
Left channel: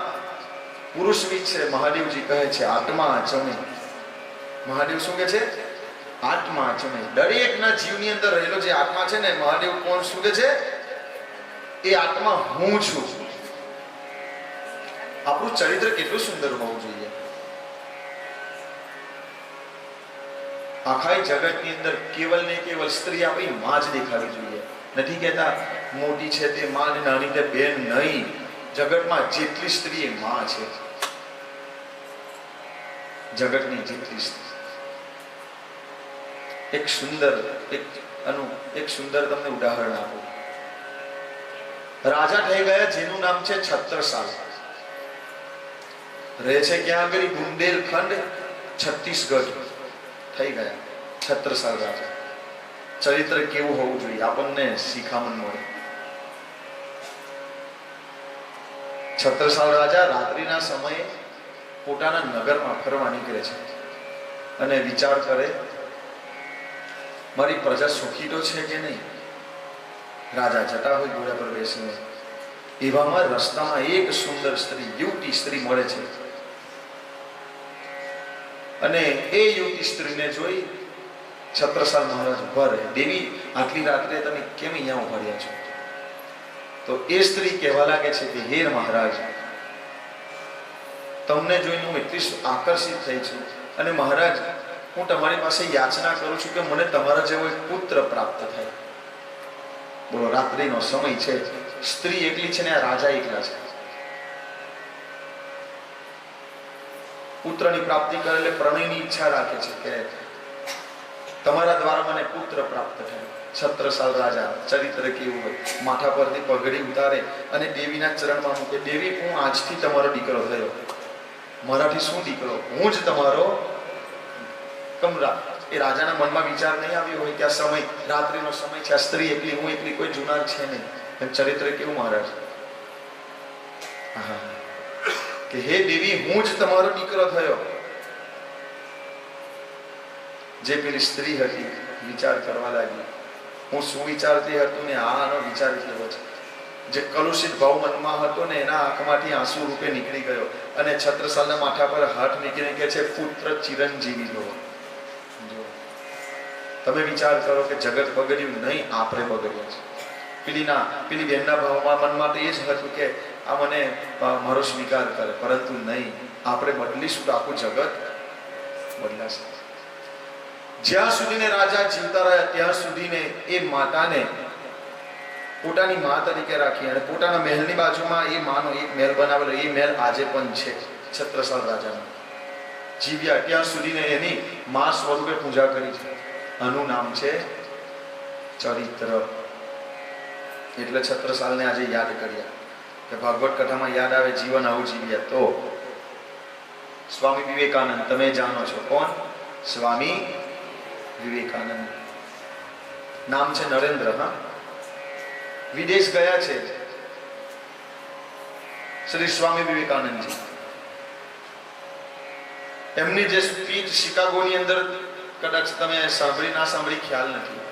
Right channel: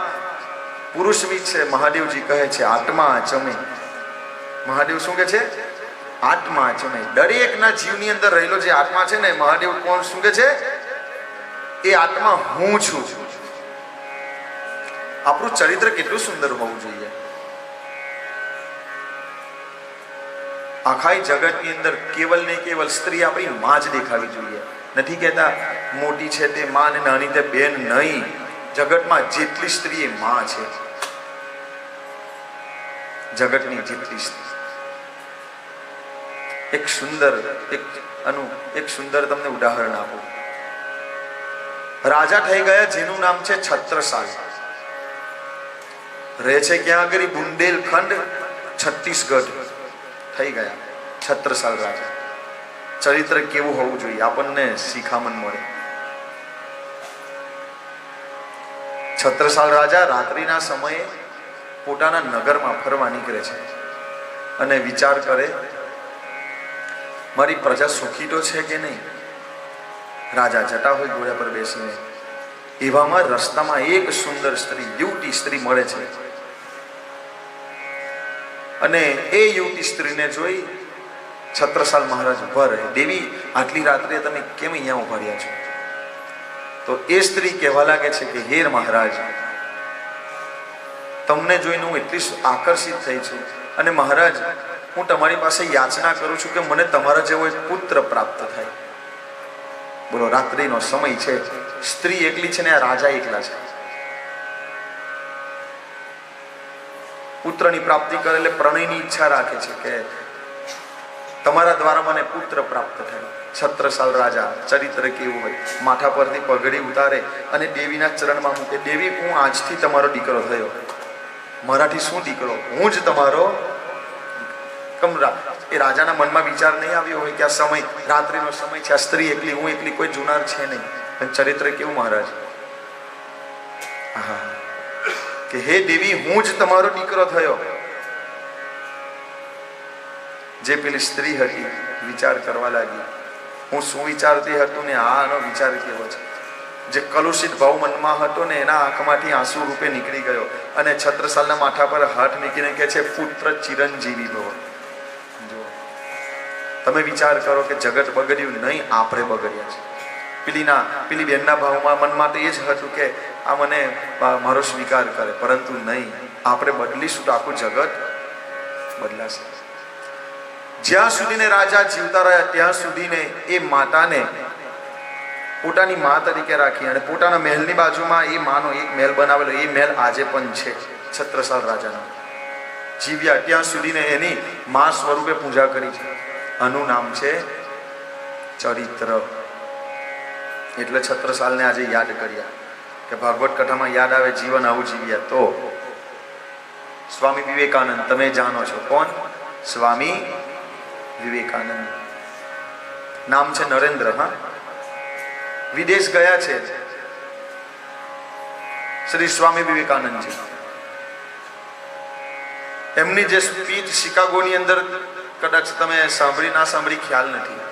પુરુષ વિશે મહાદેવજી કહે છે આત્મા ચમે. મહાદેવ શું કે છે? આત્મા ચમે. દરેકના જીવની અંદર રહેલો જે આત્મા છે ને, મહાદેવ કોણ શું કે છે? એ આત્મા હું છું. આપણું ચરિત્ર કેટલું સુંદર હોવું જોઈએ. આખા જગતની અંદર કેવલ ને કેવલ સ્ત્રી આપણી માં જ દેખાવી જોઈએ. નથી કહેતા મોટી છે તે માં ને નાની તે બેન નહીં. જગતમાં જેટલી સ્ત્રી એ માં છે. જગતની જેટલી સ્ત્રી. એક સુંદર તમને ઉદાહરણ આપું. રાજા થઈ ગયા જેનું નામ છે છત્રસાલ. રહે છે ક્યાં આગળ? બુંદેલખંડ, છત્તીસગઢ થઈ ગયા છત્રસાલ રાજા. ચરિત્ર કેવું હોવું જોઈએ આપણને શિખામણ મળે. છત્રસાલ રાજા રાત્રિના સમયે પોતાના નગરમાં ફરવા નીકળે છે અને વિચાર કરે મારી પ્રજા સુખી તો છે કે નહીં. રાજા જટા હોય ઘોડા પર બેસીને. એવામાં રસ્તામાં એક સુંદર સ્ત્રી, યુવતી સ્ત્રી મળે છે અને એ યુવતી સ્ત્રીને જોઈ છત્રસાલ મહારાજ ઉભા રહે. દેવી, આટલી રાત્રે તમે કેમ અહીંયા ઉભા રહ્યા છો? તો એ સ્ત્રી કહેવા લાગે છે કે હે મહારાજ, તમને જોઈને હું એટલી આકર્ષિત થઈ છું અને મહારાજ હું તમારી પાસે યાચના કરું છું કે મને તમારા જેવો એક પુત્ર પ્રાપ્ત થાય. બોલો, રાત્રિનો સમય છે, સ્ત્રી એકલી છે ને આ રાજા એકલા છે. પુત્રની પ્રાપ્તિ કરે એટલે પ્રણયની ઈચ્છા રાખે છે કે તમારા દ્વારા મને પુત્ર પ્રાપ્ત થાય. છત્રસાલ રાજા ચરિત્ર કેવું હોય, માથા પરથી પગડી ઉતારે અને દેવીના ચરણમાં મૂકે. દેવી, હું આજથી તમારો દીકરો થયો. મારાથી શું દીકરો, હું જ તમારો. એ રાજાના મનમાં વિચાર નહીં આવ્યો હોય કે આ સમય રાત્રિનો સમય છે, આ સ્ત્રી એકલી, હું એકલી, કોઈ જુનાર છે નહીં. ચરિત્ર કેવું મહારાજ? કે હે દેવી, હું જ તમારો દીકરો થયો. જે પેલી સ્ત્રી હતી વિચાર કરવા લાગી, હું શું વિચારતી હતું ને આનો વિચાર કેવો છે. જે કલુષિત ભાવ મનમાં હતો ને એના આંખમાંથી આંસુ રૂપે નીકળી ગયો અને છત્રસાલના માથા પર હાથ મૂકીને કહે છે પુત્ર ચિરંજીવી ભવ. તમે વિચાર કરો કે જગત બગડ્યું નહીં, આપણે બગડ્યા છે. પેલી બેનના ભાવમાં મનમાં તો એ જ હતું કે આ મને મારો સ્વીકાર કરે, પરંતુ નહીં, આપણે બદલીશું તો આખું જગત બદલાશે. જ્યાં સુધીને રાજા જીવતા રહ્યા ત્યાં સુધીને એ માતાને પોતાની મા તરીકે રાખી અને પોતાના મહેલની બાજુમાં એ માનો એક મહેલ બનાવેલો. એ મહેલ આજે પણ છે છત્રસાલ રાજાનો. જીવ્યા ત્યાં સુધીને એની મા સ્વરૂપે પૂજા કરી છે. આનું નામ છે ચરિત્ર. એટલે છત્રસાલને આજે યાદ કર્યા કે ભાગવત કથામાં યાદ આવે જીવન આવું જીવ્યા તો. સ્વામી વિવેકાનંદ તમે જાણો છો કોણ? સ્વામી વિવેકાનંદ. નામ છે નરેન્દ્ર. હા, વિદેશ ગયા છે શ્રી સ્વામી વિવેકાનંદજી. એમની જે સ્પીચ શિકાગોની અંદર, કદાચ તમે સાંભળી ના સાંભળી ખ્યાલ નથી,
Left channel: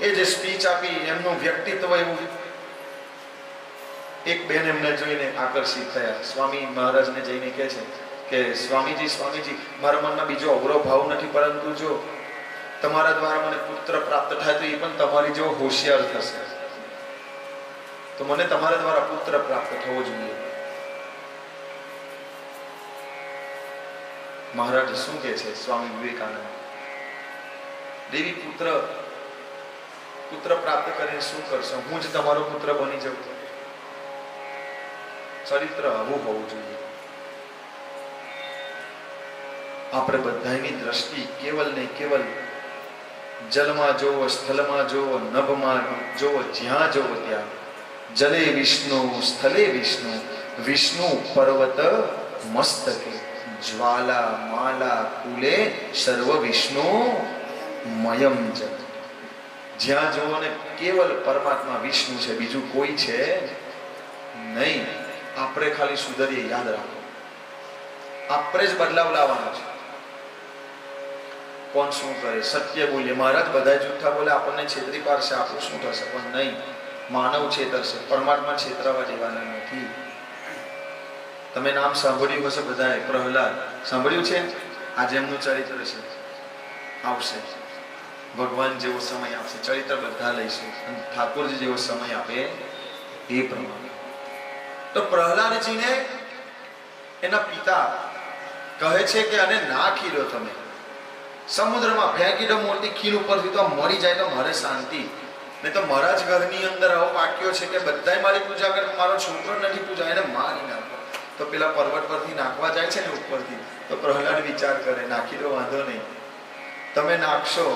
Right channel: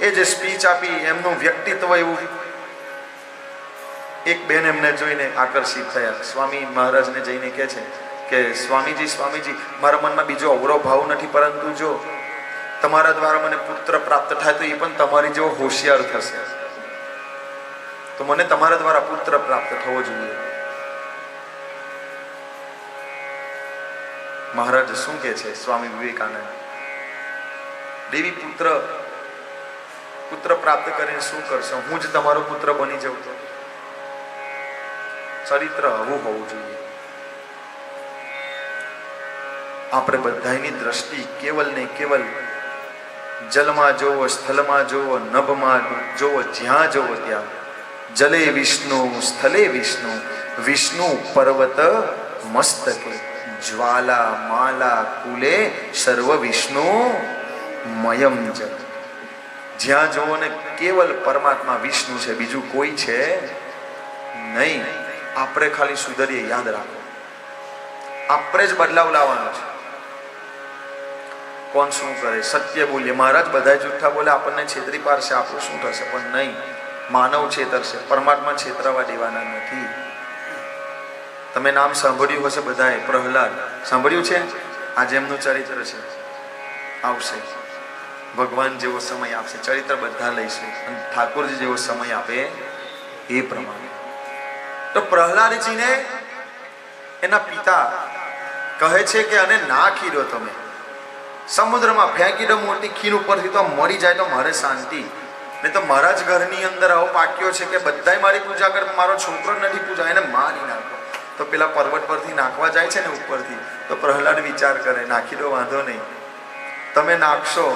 એ જે સ્પીચ આપી એમનું વ્યક્તિત્વ એવું. એક બેન એમને જોઈને આકર્ષિત થયા. સ્વામી મહારાજને જઈને કહે છે કે સ્વામીજી, મારા મનમાં બીજો અવરો ભાવ નથી, પરંતુ જો તમારા દ્વારા મને પુત્ર પ્રાપ્ત થાય તો એ પણ તમારી જેવો હોશિયાર થશે, તો મને તમારા દ્વારા પુત્ર પ્રાપ્ત થવો જોઈએ. મહારાજ શું કહે છે સ્વામી વિવેકાનંદ? દેવી, પુત્ર પ્રાપ્ત કરીને શું કરશો? હું જ તમારો પુત્ર બની જાઉં તો? ચરિત્ર આવું હોવું જોઈએ. આપણે બધાની દ્રષ્ટિ કેવલ ને કેવલ જલમાં જોવો, સ્થળમાં જોવો, નભમાં જોવો, જ્યાં જોવો ત્યાં જલે વિષ્ણુ, સ્થલે વિષ્ણુ, વિષ્ણુ પર્વત મસ્તકે જ્વાલા માલા કુલે સર્વ વિષ્ણુ મયમ જપ. જ્યાં જુઓ ને કેવલ પરમાત્મા વિષ્ણુ છે, બીજું કોઈ છે નહીં. આપણે ખાલી સુધરીએ, યાદ રાખો. આપણે જ બદલાવ લાવવાનો છે. કોણ શું કરે? સત્ય બોલીએ. મહારાજ બધા જૂઠા બોલે, આપણને છેતરી પાડશે, આપણું શું થશે? પણ નહીં, માનવ છેતરશે, પરમાત્મા છેતરવા દેવાના નથી. તમે નામ સાંભળ્યું હશે બધાએ, પ્રહલાદ સાંભળ્યું છે. આજે એમનું ચરિત્ર છે, આવશે. ભગવાન જેવો સમય આપશે, ચરિત્ર બધા લઈશું, અને ઠાકોરજી જેવો સમય આપે એ પ્રમાણે. તો પ્રહલાદજીને એના પિતા કહે છે કે આને નાખી દો, તમે સમુદ્રમાં ફેંકી દો મોટી ખીલ ઉપરથી, તો મરી જાય તો મારે શાંતિ. ને તો મારા જ ઘરની અંદર આવો પાક્યો છે કે બધાય મારી પૂજા કરે, મારો છોકરો નથી પૂજા, એને મારી નાખો. તો પેલા પર્વત પરથી નાખવા જાય છે ને ઉપરથી, તો પ્રહલાદ વિચાર કરે, નાખી દો, વાંધો નહીં, તમે નાખશો,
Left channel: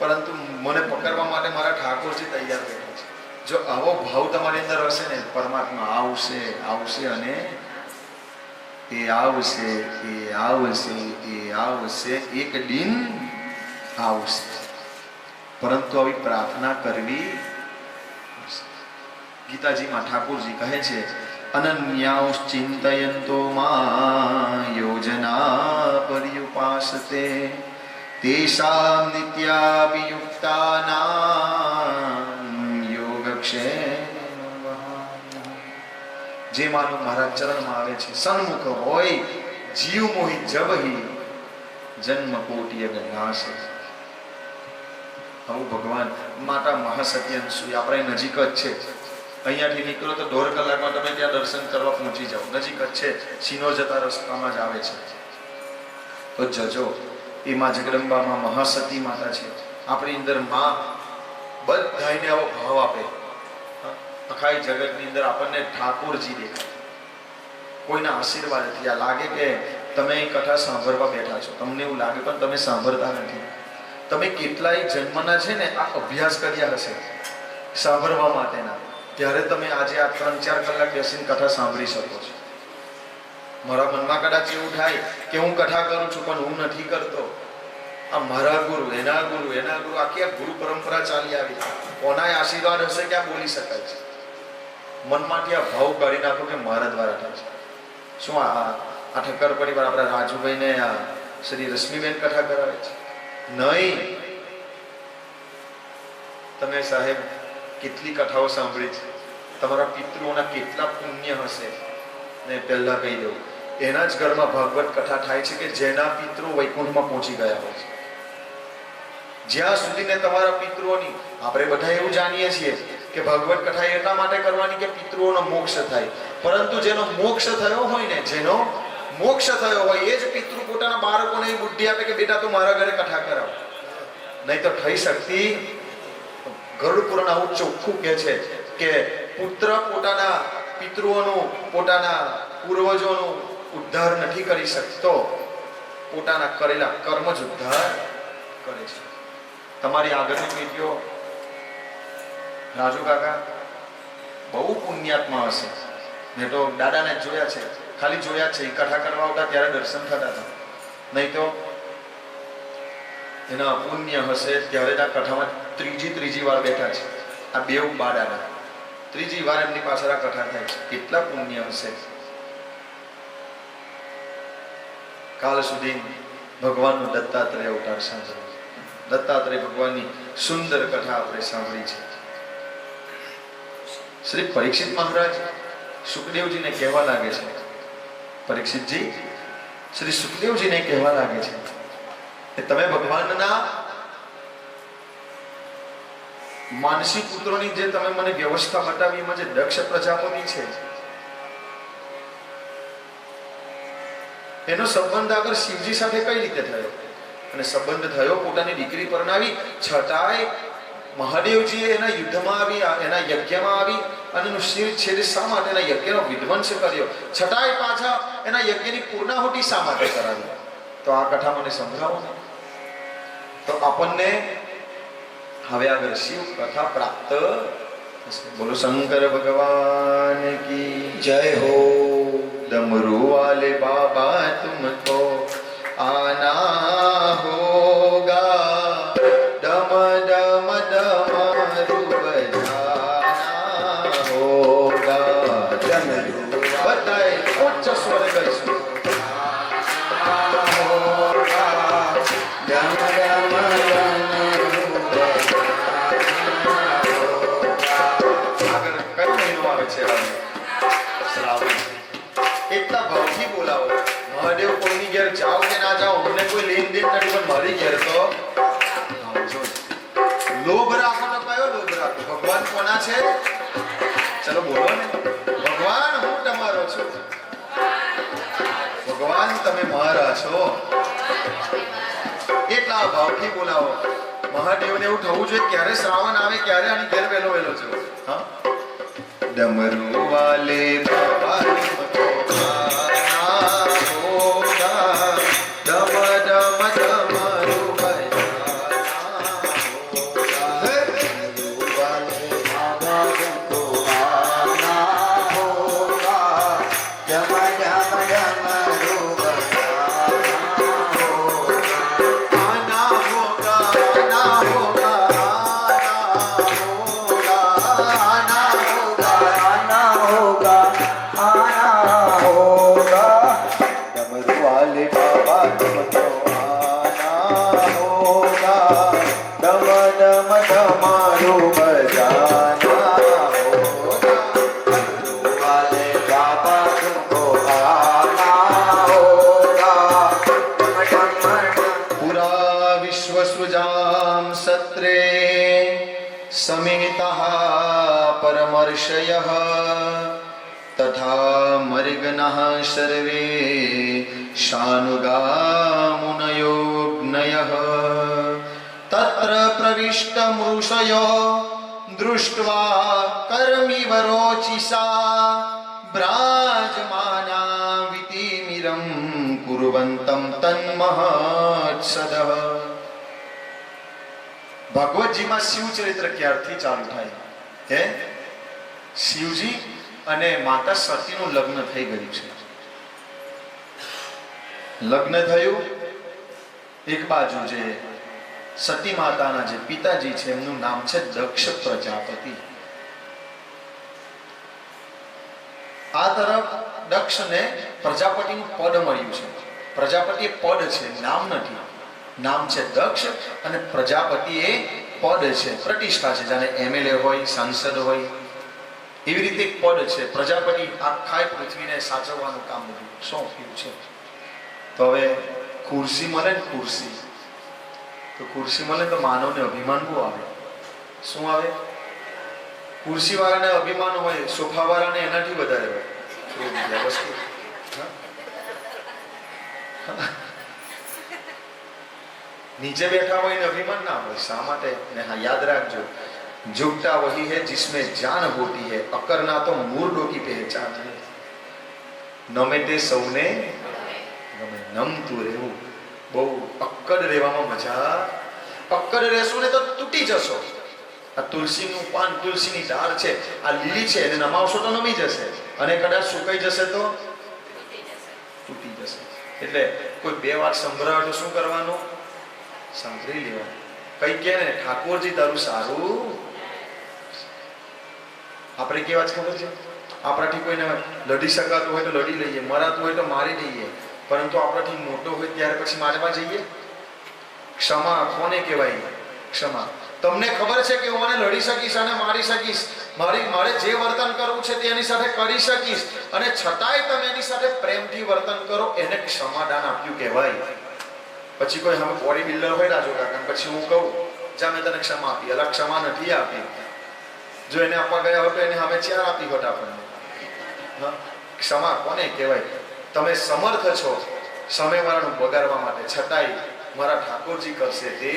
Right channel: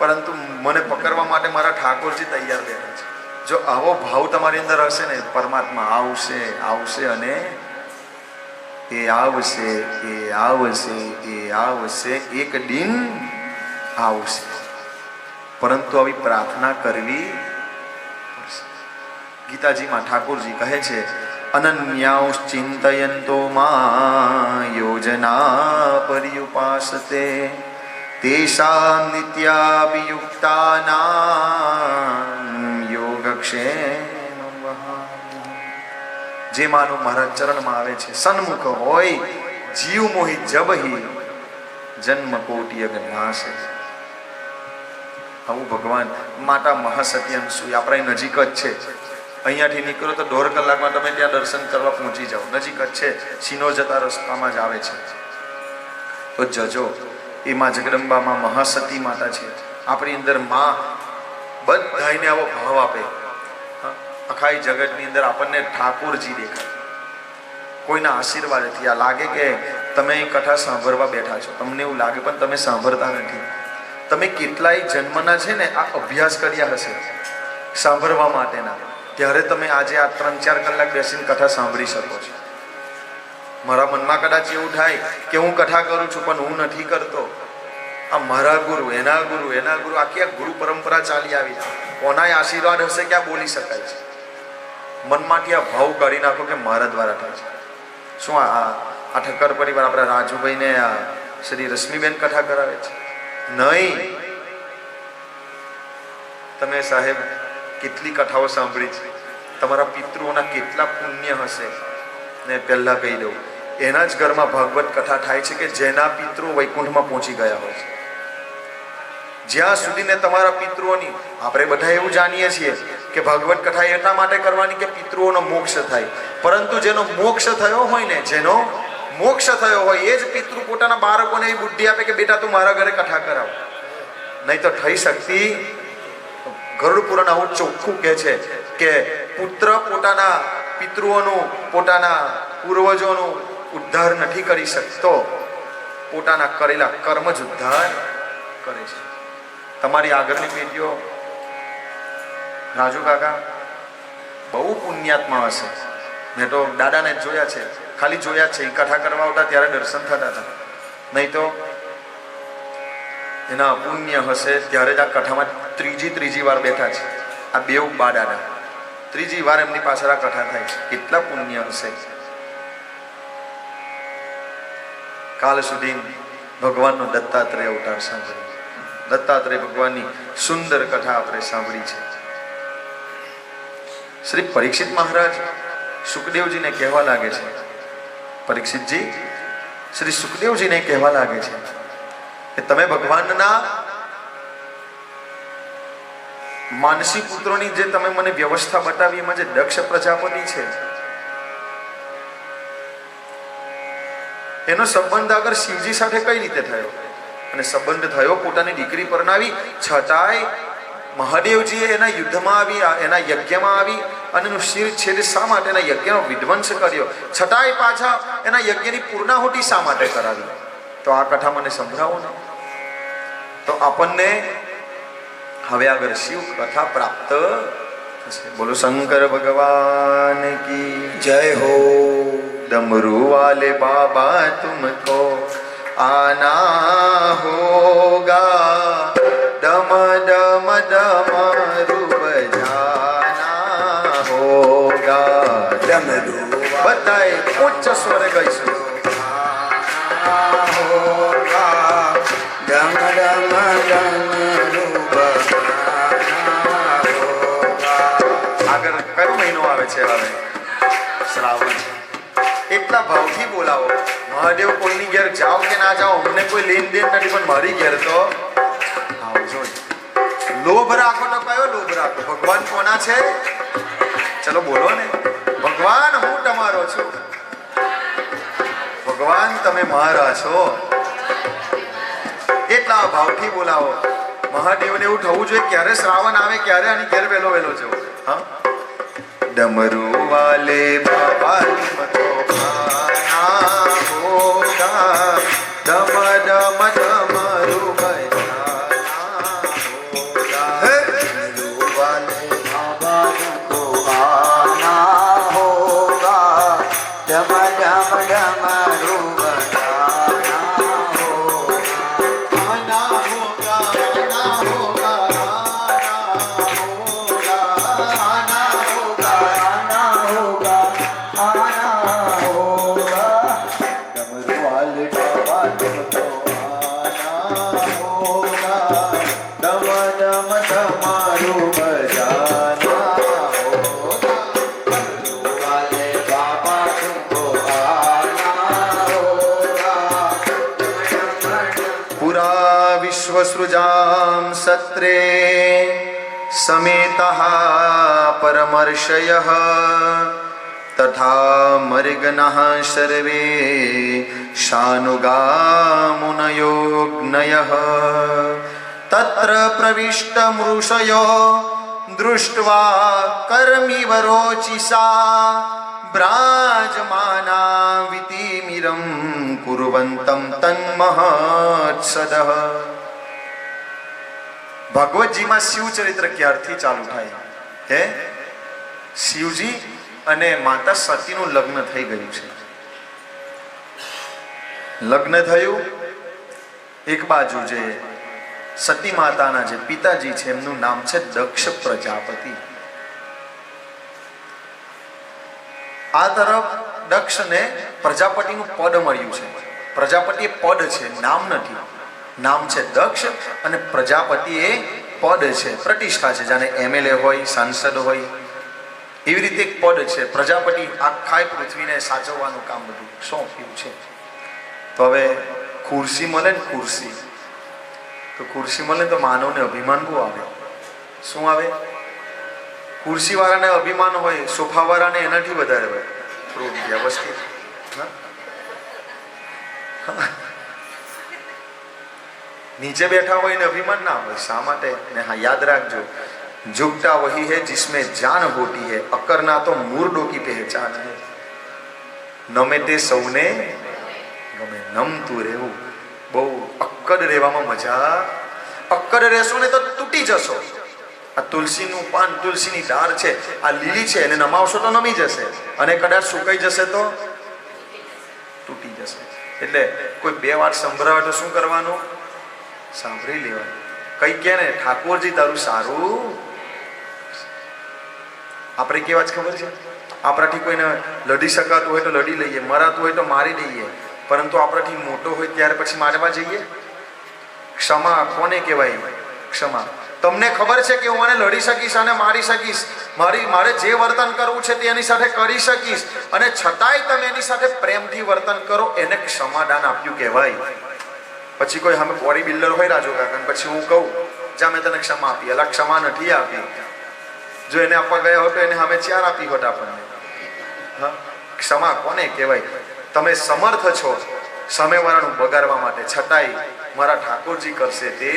પરંતુ મને પકડવા માટે મારા ઠાકોરજી તૈયાર બેઠા છે. જો આવો ભાવ તમારી અંદર હશે ને, પરમાત્મા આવશે, આવશે, અને એ આવશે, એ આવશે, એ આવશે, એક દિન આવશે. પરંતુ આવી પ્રાર્થના કરવી. ગીતાજીમાં ઠાકોરજી કહે છે, અનન્યાસ ચિંતયંતો મા યોજના પર્યુપાસતે તેષાં નિત્યાભિયુક્તાનાં યોગક્ષેમ વહામ્યહં. જે માનું મારા ચરણમાં આવે છે, સન્મુખ હોય, જીવ મોહિત જબહી જન્મ કોટિ અજ્ઞાસે. આવું ભગવાન માતા મહાસતી અંસુઈ આપણા નજીક જ છે. અહીંયાથી નીકળો તો 1.5 કલાકમાં તમે ત્યાં દર્શન કરવા પહોંચી જાઓ, નજીક જ છે. સિનો જતા રસ્તામાં જ આવે છે. તો જજો. એ માં જગદંબામાં મહાસતી માતા છે. આપણી અંદર માં બધાને આવો ભાવ આપે. આખા જગતની અંદર આપણને ઠાકોરજી દેખાય, કોઈના આશીર્વાદથી. આ લાગે કે તમે કથા સાંભળવા બેઠા છો, તમને એવું લાગે, પણ તમે સાંભળતા નથી. તમે કેટલાય જન્મના છે ને આ અભ્યાસ કર્યા હશે સાંભળવા માટેના, ત્યારે તમે આજે આ 3-4 કલાક બેસીને કથા સાંભળી શકો છો. મારા મનમાં કદાચ એવું થાય કે હું કથા કરું છું, પણ હું નથી કરતો. આ મારા ગુરુ, એના ગુરુ, એના ગુરુ, આખી આ ગુરુ પરંપરા ચાલી આવી છે. કોનાય આશીર્વાદ હશે કે આ બોલી શકાય છે. મનમાંથી આ ભાવ કાઢી નાખો કે મારા દ્વારા થાય છે. શું આ ઠક્કર પરિવાર આપણા રાજુભાઈને શ્રી રશ્મિબેન કથા કરાવે છે? નહીં. તમે સાહેબ કેટલી કથાઓ સાંભળી છે, તમારા પિતૃઓના કેટલા પુણ્ય હશે. ને પહેલા કહી દઉં, એના જ ઘરમાં ભાગવત કથા થાય છે કે જેના પિતૃ વૈકુંઠમાં પહોંચી ગયા હોય છે. જ્યાં સુધીને તમારા પિતૃઓની, આપણે બધા એવું જાણીએ છીએ કે ભાગવત કથા એટલા માટે કરવાની કે પિતૃઓનો મોક્ષ થાય. પરંતુ જેનો મોક્ષ થયો હોય ને, જેનો મોક્ષ થયો હોય એ જ પિતૃ પોતાના બાળકોને એ બુદ્ધિ આપે કે બેટા તું મારા ઘરે કથા કરાવ. નહીં તો થઈ શકતી. ગરુડ પુરાણ આવું ચોખ્ખું કહે છે કે પુત્ર પોતાના પિતૃઓનું, પોતાના પૂર્વજોનું ઉદ્ધાર નથી કરી શકતો, પોતાના કરેલા કર્મ જ ઉદ્ધાર કરે છે. તમારી આગળની પેઢીઓ, રાજુ કાકા બહુ પુણ્યાત્મા હશે. મેં તો દાદાને જોયા છે, ખાલી જોયા છે. કથા કરવા આવતા ત્યારે દર્શન થતા હતા. નહીં તો એના પુણ્ય હશે ત્યારે જ આ કથામાં ત્રીજી વાર બેઠા છે. આ બેઉ બાડાના ત્રીજી વાર એમની પાછળ આ કથા થાય છે. કેટલા પુણ્ય હશે. કાલ સુધી ભગવાનનો દત્તાત્રેય અવતાર સાંભળ્યો. દત્તાત્રેય ભગવાનની સુંદર કથા આપણે સાંભળી છે. શ્રી પરીક્ષિત મહારાજ સુખદેવજીને કહેવા લાગે છે, પરીક્ષિતજી શ્રી સુખદેવજીને કહેવા લાગે છે કે તમે ભગવાનના માનસી પુત્રોની જે તમે મને વ્યવસ્થા બતાવી, એમાં જે દક્ષ પ્રજાપતિ છે એનો સંબંધ આગળ શિવજી સાથે કઈ રીતે થયો? અને સંબંધ થયો, પોતાની દીકરી પરણાવી, છતાંય મહાદેવજીએ એના યુદ્ધમાં આવી, એના યજ્ઞમાં આવી અને એનું શિર છેદ શા માટે એના યજ્ઞનો વિધ્વંસ કર્યો, છતાંય પાછા એના યજ્ઞની પૂર્ણાહુતિ શા માટે કરાવી? તો આ કથા મને સંભળાવો ને. તો આપણને હવે આગળ શિવ કથા પ્રાપ્ત बोलो शंकर भगवान की जय हो। डमरू वाले बाबा तुमको आना होगा, डम डम डमरू बजाना होगा। डमरू बताए उच्च स्वर कैसे होगा, डम डम डमरू बजाना होगा। આગળ કયો મહિનો આવે છે? હવે શ્રાવણ. એટલા ભાવથી બોલાવો. મહાદેવ કોઈની ઘેર જાઓ કે ના જાઓ, અમને કોઈ લેન દેન નથી, પણ મારી ઘેર તો આવજો. લોભ રાખો તો કયો લોભ રાખો? ભગવાન કોના છે? ચલો બોલો ને. ભગવાન હું તમારો છું. ભગવાન તમે મારા છો. એટલા ભાવથી બોલાવો. મહાદેવને એવું થવું જોઈએ ક્યારે શ્રાવણ આવે ક્યારે આની ઘેર વહેલો વહેલો છે. હા, डमरू वाले बाबा तुमको आना होगा, डम डम डमरू बजाना होगा। डमरू वाले बाबा तुमको आना होगा, डम डम डमरू बजाना होगा। आना होगा, आना होगा, आना होगा, आना होगा, आना होगा। डमरू वाले बाबा तुमको आना होगा, डम डम डमरू बजाना होगा। डमरू वाले बाबा तुमको आना होगा, डम डम पुरा विश्व सृजां सत्रे समेतः परमर्षयः तथा मर्गणः सर्वे शानुगामुनयोग्नयः तत्र प्रविष्टमृषयो दृष्ट्वा कर्मिव रोचिषा ब्राजमाना वितिमिरं कुर्वन्तं तन्महत्सदः. ભગવતજીમાં શિવ ચરિત્ર ક્યારથી ચાલુ થાય હે? શિવજી અને માતા સતીનું લગ્ન થઈ ગયું છે. લગ્ન થયું, એક બાજુ જે સતી માતાના જે પિતાજી છે એમનું નામ છે દક્ષ પ્રજાપતિ. આ તરફ દક્ષને પ્રજાપતિનું પદ મળ્યું છે. પ્રજાપતિ એ પદ છે, નામ નથી. નામ છે દક્ષ અને પ્રજાપતિ એ પદ છે, પ્રતિષ્ઠા છે. જાણે એમએલએ હોય, સાંસદ હોય, એવી રીતે એક પદ છે. પ્રજાપતિ આખા પૃથ્વીને સાચવવાનું કામ બધું સોંપ્યું છે. તો હવે ખુરશી મળે ને, ખુરશી તો ખુરશી મળે તો માનવને અભિમાન બહુ આવે. શું આવે? ખુરશી વાળાને અભિમાન હોય, સોફા વાળાને એનાથી વધારે હોય. થોડું વ્યવસ્થિત નીચે બેઠા હોય ને અભિમાન ના હોય. શા માટે? ને હા, યાદ રાખજો, झुकता वही है जिसमें जान होती है, अकरना तो मूर्डों की पहचान है. નમે તે સૌને ગમે. નમતું રહેવું, બહુ અક્કડ રહેવામાં મજા. અક્કડ રહેશો ને તો તૂટી જશો. આ તુલસીનું પાન, તુલસીની ડાળ છે, આ લીલી છે, એને નમાવશો તો નમી જશે, અને કદાચ સુકાઈ જશે તો તૂટી જશે. એટલે કોઈ બે વાર સંભળાવે તો શું કરવાનું? સાંભળી લેવાનું. કઈ કે ને, ઠાકોરજી તારું સારું. આપણે કેવા જ ખબર છે, આપણાથી કોઈને લડી શકાતું હોય તો લડી લઈએ, મરાતું હોય તો મારી દઈએ, પરંતુ આપણાથી મોટો હોય ત્યાર પછી મારવા જઈએ. ક્ષમા કોને કહેવાય? ક્ષમા. તમને ખબર છે કે હું આને લડી શકીશ અને મારી શકીશ, મારે જે વર્તન કરવું છે તેની સાથે કરી શકીશ, અને છતાંય તમે એની સાથે પ્રેમથી વર્તન કરો, એને ક્ષમાદાન આપ્યું કહેવાય. પછી કોઈ અમે બોડી બિલ્ડર હોય રાજુ કાકા, પછી હું કહું જા મેં તને ક્ષમા આપી, એટલે ક્ષમા નથી આપી. જો એને આપવા ગયા હોત તો એને અમે 4 આપી હોત આપણને. ક્ષમા કોને કહેવાય? તમે સમર્થ છો સામેવાળાનું બગાડવા માટે, છતાંય મારા ઠાકોરજી કરશે તે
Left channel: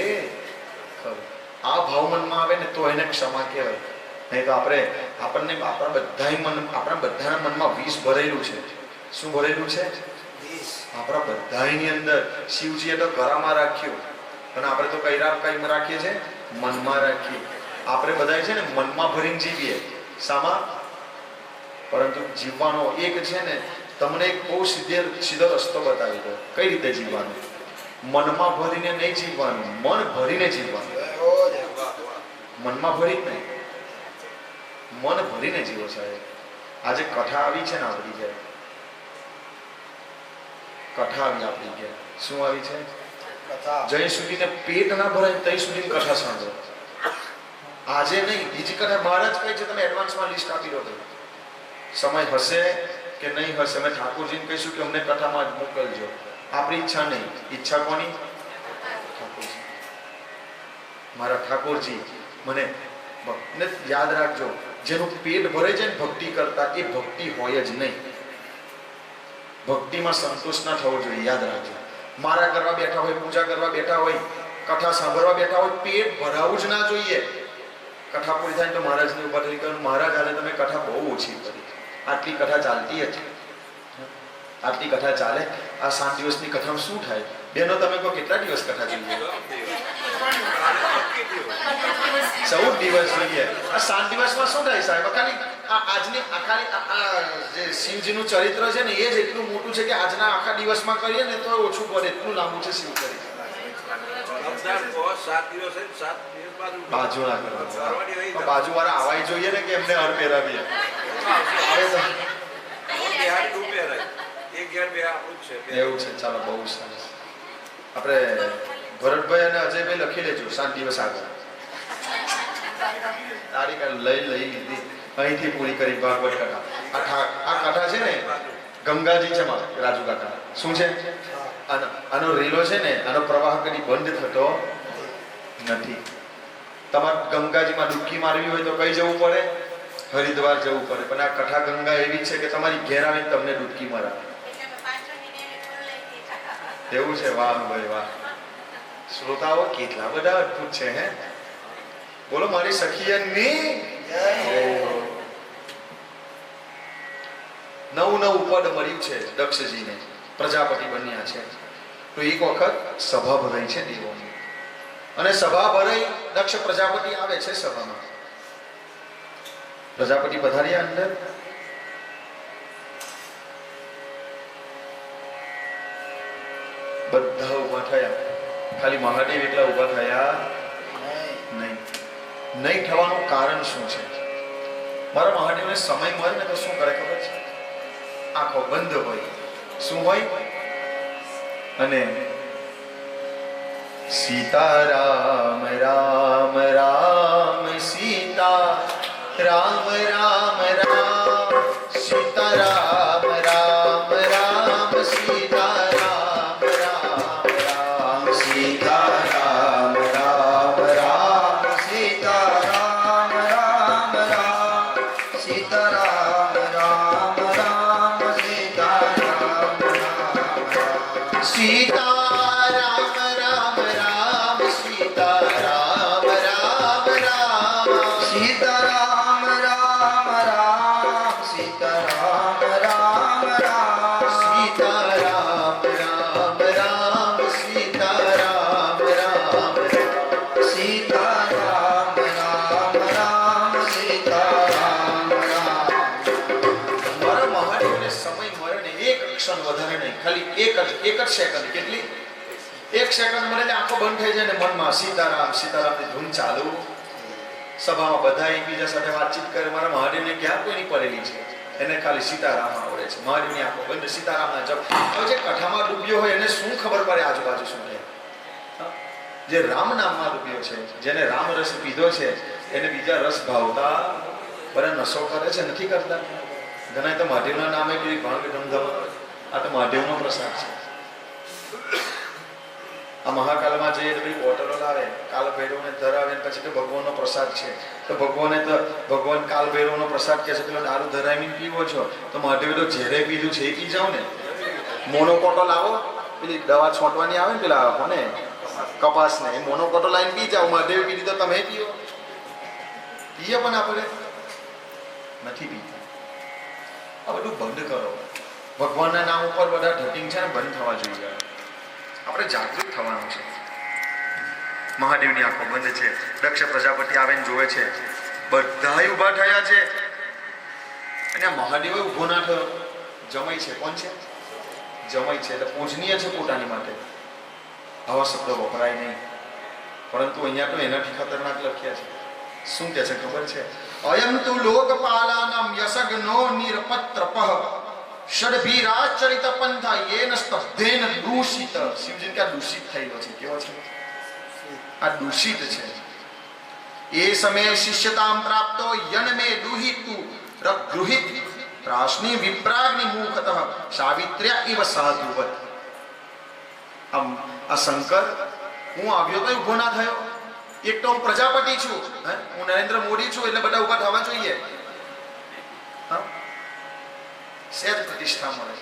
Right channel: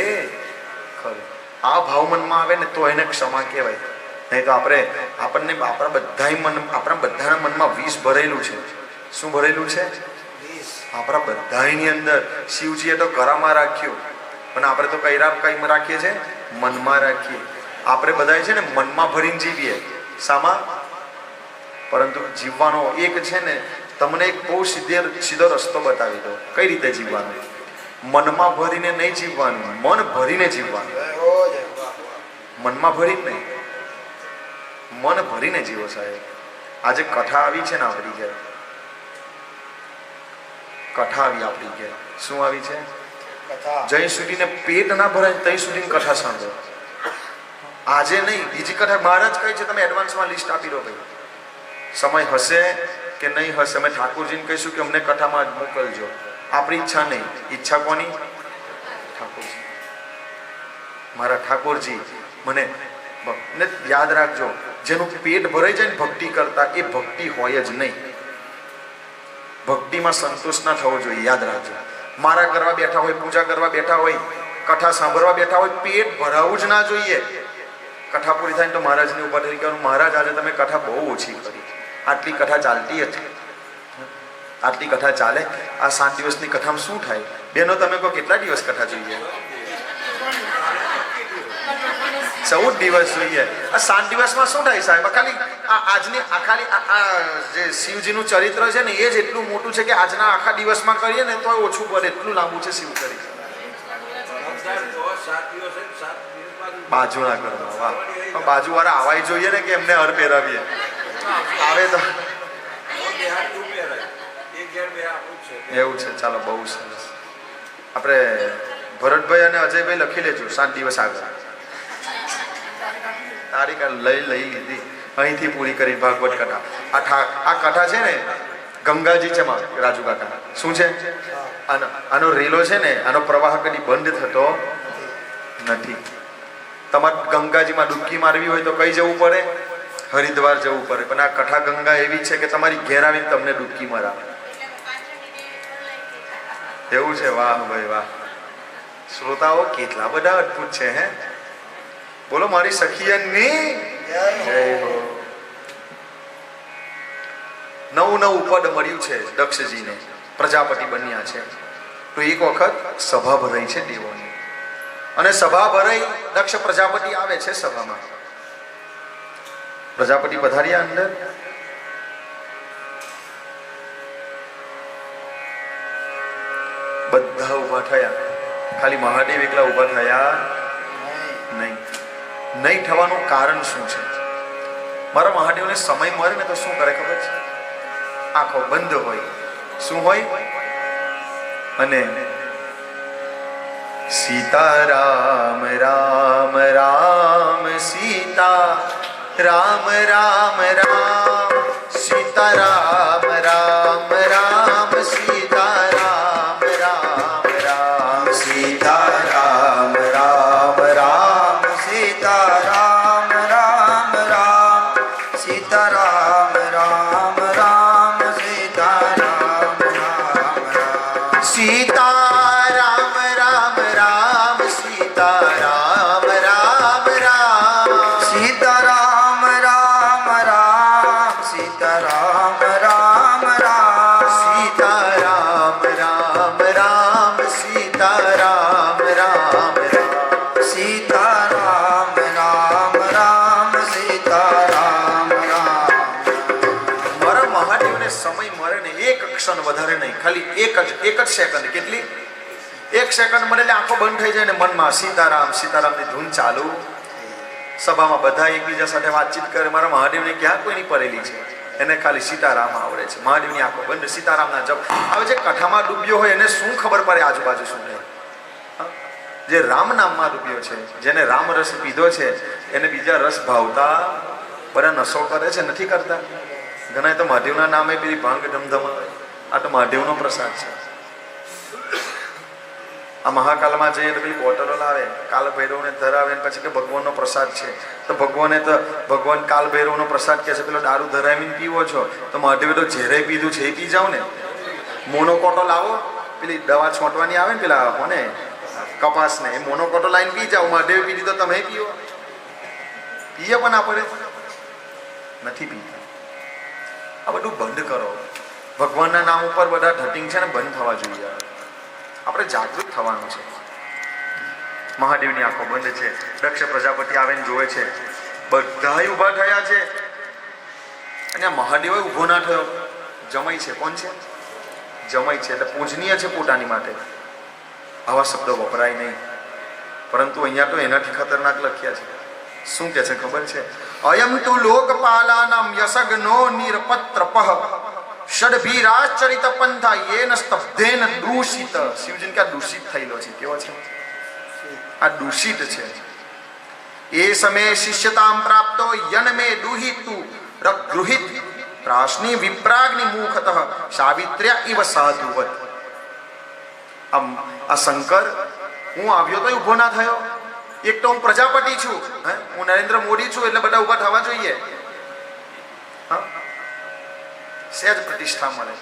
ખરું. આ ભાવ મનમાં આવે ને તો એને ક્ષમા કહેવાય. નહીં તો આપણને આપણા બધાના મનમાં વિષ ભરેલું છે. શું ભરેલું છે? આપણા બધાની અંદર. શિવજીએ તો ગળામાં રાખ્યું, પણ આપણે તો કઈ રાખીએ છીએ? મનમાં રાખીએ. આપણે બધા છે ને મનમાં ભરીને જીવીએ. શામાં? પરંતુ જીવવાનો એક છે ને, તમને એક બહુ સીધો રસ્તો બતાવી દો. કઈ રીતે જીવવાનું? મનમાં ભરીને નહીં જીવવાનું, મન ભરીને જીવવાનું. મનમાં ભરી જ નહીં, મન ભરીને જીવો સાહેબ. આજે કથા આવી છે ને આપણી ઘેર, કથા આવી આપણી ઘેર. શું આવી છે? જ્યાં સુધીને પેટ ના ભરાય ત્યાં સુધી કથા સાંભળો. આજે નહીં, બીજી કથા બહાર જ કઈ છે, તમે એડવાન્સમાં લિસ્ટ આપી દો. ભાઈ સમય હશે કે નહીં હશે, અમે ઠાકોરજીને કહીશું કે અમને કથામાં જ મોકલજો. આપણી ઈચ્છા નહીં. ઈચ્છા કોની? ઠાકોરજી. મારા ઠાકોરજી મને યાદ રાખજો, જેનું પેટ ભરાઈ જાય ને ભક્તિ કરતા, એ ભક્તિ હોય જ નહીં. ભક્તિમાં સંતોષ ના થવો જોઈએ. યાદ રાખજો. મારા કરવા બેઠા હોય, પૂજા કરવા બેઠા હોય, કથા સાંભળવા બેઠા હોય, પેટ ભરાવું જ ના જોઈએ. કથા પૂરી થાય તો મહારાજની ઉપર થઈ ગયું, મહારાજ આજે તમે કથા બહુ ઓછી કરી. આટલી કથા ચાલતી હતી, આટલી કથા ચાલે. આ 7 દિવસની કથામાં શું થાય? બેનો તમે કહો કેટલા દિવસ કથા જોઈએ? 14 દિવસ જોઈએ. આ 7 દિવસમાં શું થાય સાહેબ? ખાલી આજની ખાલી જે શિવજીનું ચરિત્ર છે ને, એ જ એટલું મોટું છે કે આજના આખા દિવસમાં કરીએ ને તો ઓછું પડે, એટલું લાંબુ છે શિવ ચરિત્ર. બાજુ ના કરવા, બાજુ વાળા આવાય જોઈએ ને કે એમને હર પહેરાવીએ. આવે તો એવું છે. ચાલો, બહુ સરસ. આપણે ભરતભાઈ અને અજયભાઈ લખી લેજો 7 દિવસ આગળ. તારીખ લઈ લીધી અહીંથી પૂરી કરી ભાગવત કથા. આ કથા છે ને ગંગાજી છે રાજુ કાકા. શું છે? આનો રેલો છે ને, આનો પ્રવાહ કદી બંધ થતો નથી. તમારે ગંગાજીમાં ડૂબકી મારવી હોય તો કઈ જવું પડે? હરિદ્વાર જવું પડે. પણ આ કથા ગંગા એવી છે કે તમારી ઘેર આવીને તમને ડૂબકી મરાવે. એવું છે? વાહ ભાઈ વાહ. શ્રોતાઓ કેટલા બધા અદભુત છે. હે બોલો મારી સખીયની નવું પદ મળ્યું છે દક્ષજીને, પ્રજાપતિ બન્યા છે. તો એક વખત સભા ભરાઈ છે દેવોની, અને સભા ભરાઈ, દક્ષ પ્રજાપતિ આવે છે સભામાં. પ્રજાપતિ પધાર્યા અંદર. બધા ઉભા થયા, ખાલી મહાદેવ એકલા ઉભા થયા નહીં. નહીં થવાનું કારણ શું છે? મારા મહાદેવને સમય મળે ને તો શું કરે ખબર છે? આંખો બંધ હોય. શું હોય? અને સીતારામ રામ રામ સીતા રામ રામ રામ સીતારામ રામ રામ સીતારામ રામ રામ સીતારામ રામ રામ સીતારામ રામ રામ સીતારામ રામ રામ સીતારામ રામ રામ સીતારામ રામ રામ સીતારામ રામ રામ સીતારામ રામ રામ સીતારામ રામ રામ સીતારામ રામ રામ સીતારામ રામ રામ સીતારામ રામ રામ સીતારામ રામ. મારા મહાદેવને સમય મળે ને એક ક્ષણ વધારે નહીં, ખાલી એક જ સેકન્ડ. કેટલી? 1 સેકન્ડ મળે એટલે આંખો બંધ થઈ જાય ને મનમાં સીતારામ સીતારામની ધૂન ચાલુ. સભામાં બધા એકબીજા સાથે વાતચીત કરે. મારા મહાદેવને ક્યાં કોઈની પડેલી છે? એને ખાલી સીતારામ આવડે છે. મહાદેવની આંખો બંધ, સીતારામના જપ. હવે જે કથામાં ડૂબ્યો હોય એને શું ખબર પડે આજુબાજુ શું થાય? જે રામ નામમાં ડૂબ્યો છે, જેને રામ રસ પીધો છે, એને બીજા રસ ભાવતા બધા નશો કરે છે, નથી કરતા? ઘણા તો મહાદેવના નામે પેલી ભાંગ ધમધમ. આ તો મહાદેવનો પ્રસાદ છે. આ મહાકાલમાં જઈએ તો પેલી બોટલો લાવે, કાલ ભૈરવને ધરાવે, પછી કે ભગવાનનો પ્રસાદ છે. તો ભગવાન કાલ ભૈરવનો પ્રસાદ કહે છે, પેલો દારૂ ધરાવીને પીવો છો તો મહાદેવે તો ઝેરે પીધું છે, એ પી જાઓ ને. મોનોકોટો લાવો, પેલી દવા છોંટવાની આવે ને પેલા કોને કપાસને, એ મોનોકોટો લાવીને પી જાઓ. મહાદેવ પીધી તો તમે પીવો? પીએ પણ આપણે નથી પીતા. આ બધું બંધ કરો. ભગવાનના નામ ઉપર બધા ધટિંગ છે ને બંધ થવા જોઈએ. આપણે જાગૃત થવાનું છે. મહાદેવની આંખો બંધ છે. દક્ષ પ્રજાપતિ આવીને જોવે છે, બધાય ઊભા થયા છે અને મહાદેવ ઊભો ના થયો. જમાઈ છે. કોણ છે? જમાઈ છે, એટલે પૂજનીય છે પોતાની માટે. આવા શબ્દો વપરાય નહીં, પરંતુ અહીંયા તો એનાથી ખતરનાક લખ્યા છે. શું કે છે ખબર છે? અયમ તુ લોકપાલાનામ યસગ્નો નિરપત્રપઃ ષડભીરાચરિત પંથા યેન સ્તબ્ધેન દૂષિત. શિવજી કા દૂષિત થયેલો છે. કેવો છે? આ દૂષિત છે. એ સમયે શિષ્યતામ પ્રાપ્તો યન મે દુહિતુ રગૃહિત ત્રાસની વિપ્રાગ્નિ મુખતઃ સાવિત્ર્યા ઇવ સાધુવત. આ શંકર, હું આવ્યો તો ઊભો ના થયો. એક તો હું પ્રજાપતિ છું, હું નરેન્દ્ર મોદી છું, એટલે બધા ઊભા થવા જોઈએ. સહેજ પ્રતિષ્ઠા મળે.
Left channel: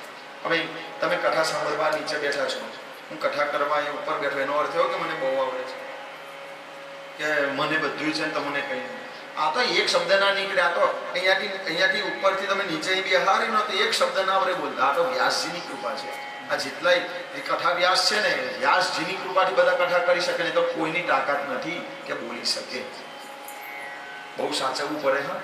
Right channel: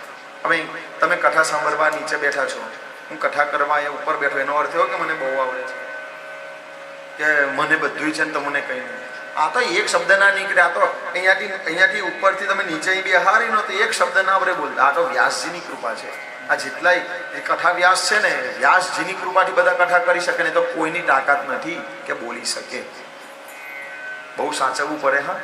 હવે તમે કથા સાંભળવા નીચે બેઠા છો, હું કથા કરવા એ ઉપર બેઠો, એનો અર્થ એવો કે મને બહુ આવડે છે, કે મને બધું છે ને તમને કંઈ નહીં. આ તો એક શબ્દ ના નીકળે. આ તો અહીંયાથી ઉપરથી તમે નીચે બેહારી નો તો એક શબ્દ ના આવડે બોલતા. આ તો વ્યાસજીની કૃપા છે. આ જેટલાય કથા વ્યાસ છે ને, વ્યાસજીની કૃપાથી બધા કથા કરી શકે ને, તો કોઈની તાકાત નથી કે બોલી શકે. બહુ સાચવવું પડે. હા,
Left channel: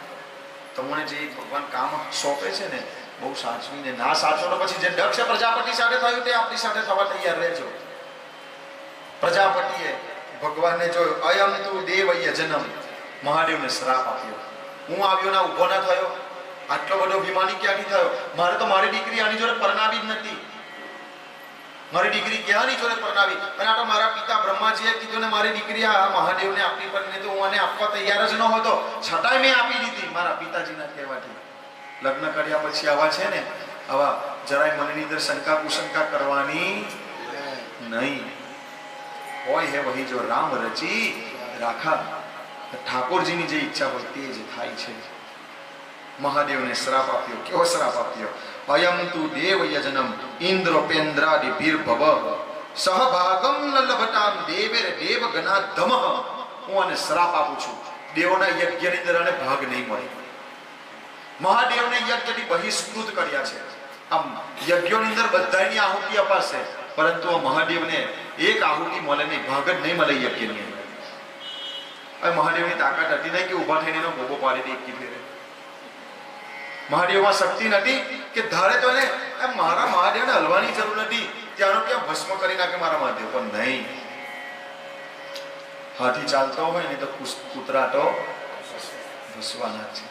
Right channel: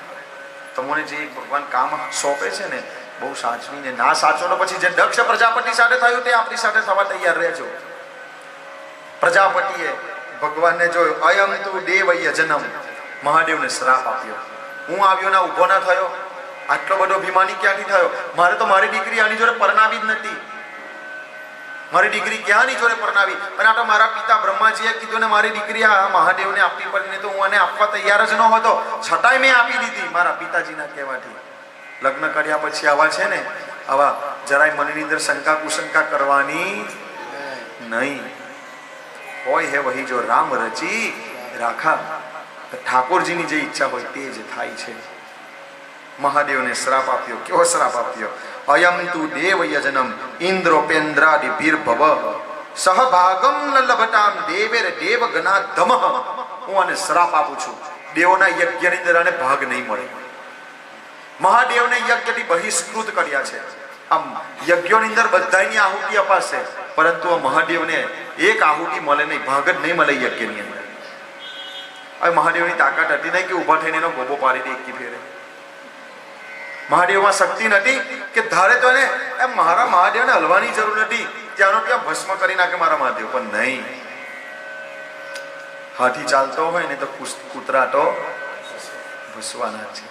તમને જે ભગવાન કામ સોંપે છે ને, બહુ સાચવીને. ના સાચવો તો પછી જે દક્ષ પ્રજાપતિ સાથે થયું તે આપણી સાથે થવા તૈયાર રહેજો. પ્રજાપતિએ ભગવાનને જોયો, અયમ તુ દેવય જન્મ. મહાદેવને શ્રાપ આપ્યો. હું આવ્યો ના ઊભો ના થયો. આટલો બધો અભિમાની ક્યાંથી થયો? મારે તો મારી દીકરી આની જોડે પરણાવી જ નથી. મારી દીકરી ક્યાંની જોડે પરણાવી? અને આ તો મારા પિતા બ્રહ્માજીએ કીધું ને મારી દીકરી આ મહાદેવને આપવી પડે, નહીં તો હું આને આપવા તૈયાર જ ન હતો. છતાંય મેં આપી દીધી મારા પિતાજીના કહેવાથી. લગ્ન કર્યા પછી આવા છે ને, આવા જરાય મનની અંદર શંકા કુશંકા કરવાની નહીં. હોય હે વહી જો રામ રચી રાખા. ઠાકોરજીની જે ઈચ્છા હોય તે જ થાય છે. મહાદેવને શ્રાપ આપ્યો. કેવો શ્રાપ આપ્યો? અયમ તુ દેવ યજનમ ઇન્દ્રોપેન્દ્રાદિ ભીર્ભવ સહભાગમ ન લભતામ દેવેર દેવ ગણાધમ. હું આને શ્રાપ આપું છું, દેવોના યજ્ઞની અંદર આને ભાગ નહીં મળે. મહાદેવને યજ્ઞથી બહિષ્કૃત કર્યા છે. આમ યજ્ઞોની અંદર બધાની આહુતિ અપાશે, પરંતુ આ મહાદેવને એક આહુતિ મળે નહીં, ભાગ જ નહીં મળે યજ્ઞની અંદર. હવે મહાદેવની તાકાત હતી નહીં કે ઊભા થઈને એનો ગોબો પાડી દે એકી ફેરે. મહાદેવમાં શક્તિ નથી કે ધારે તો ને એમ મારા મહાદેવને હલવાની જરૂર નથી, ત્યાંનો ત્યાં ભસ્મ કરી નાખે મારા મહાદેવ. પણ નહીં, હાથી ચાલતો હોય ને તો કૂતરા તો ભસવાના છે.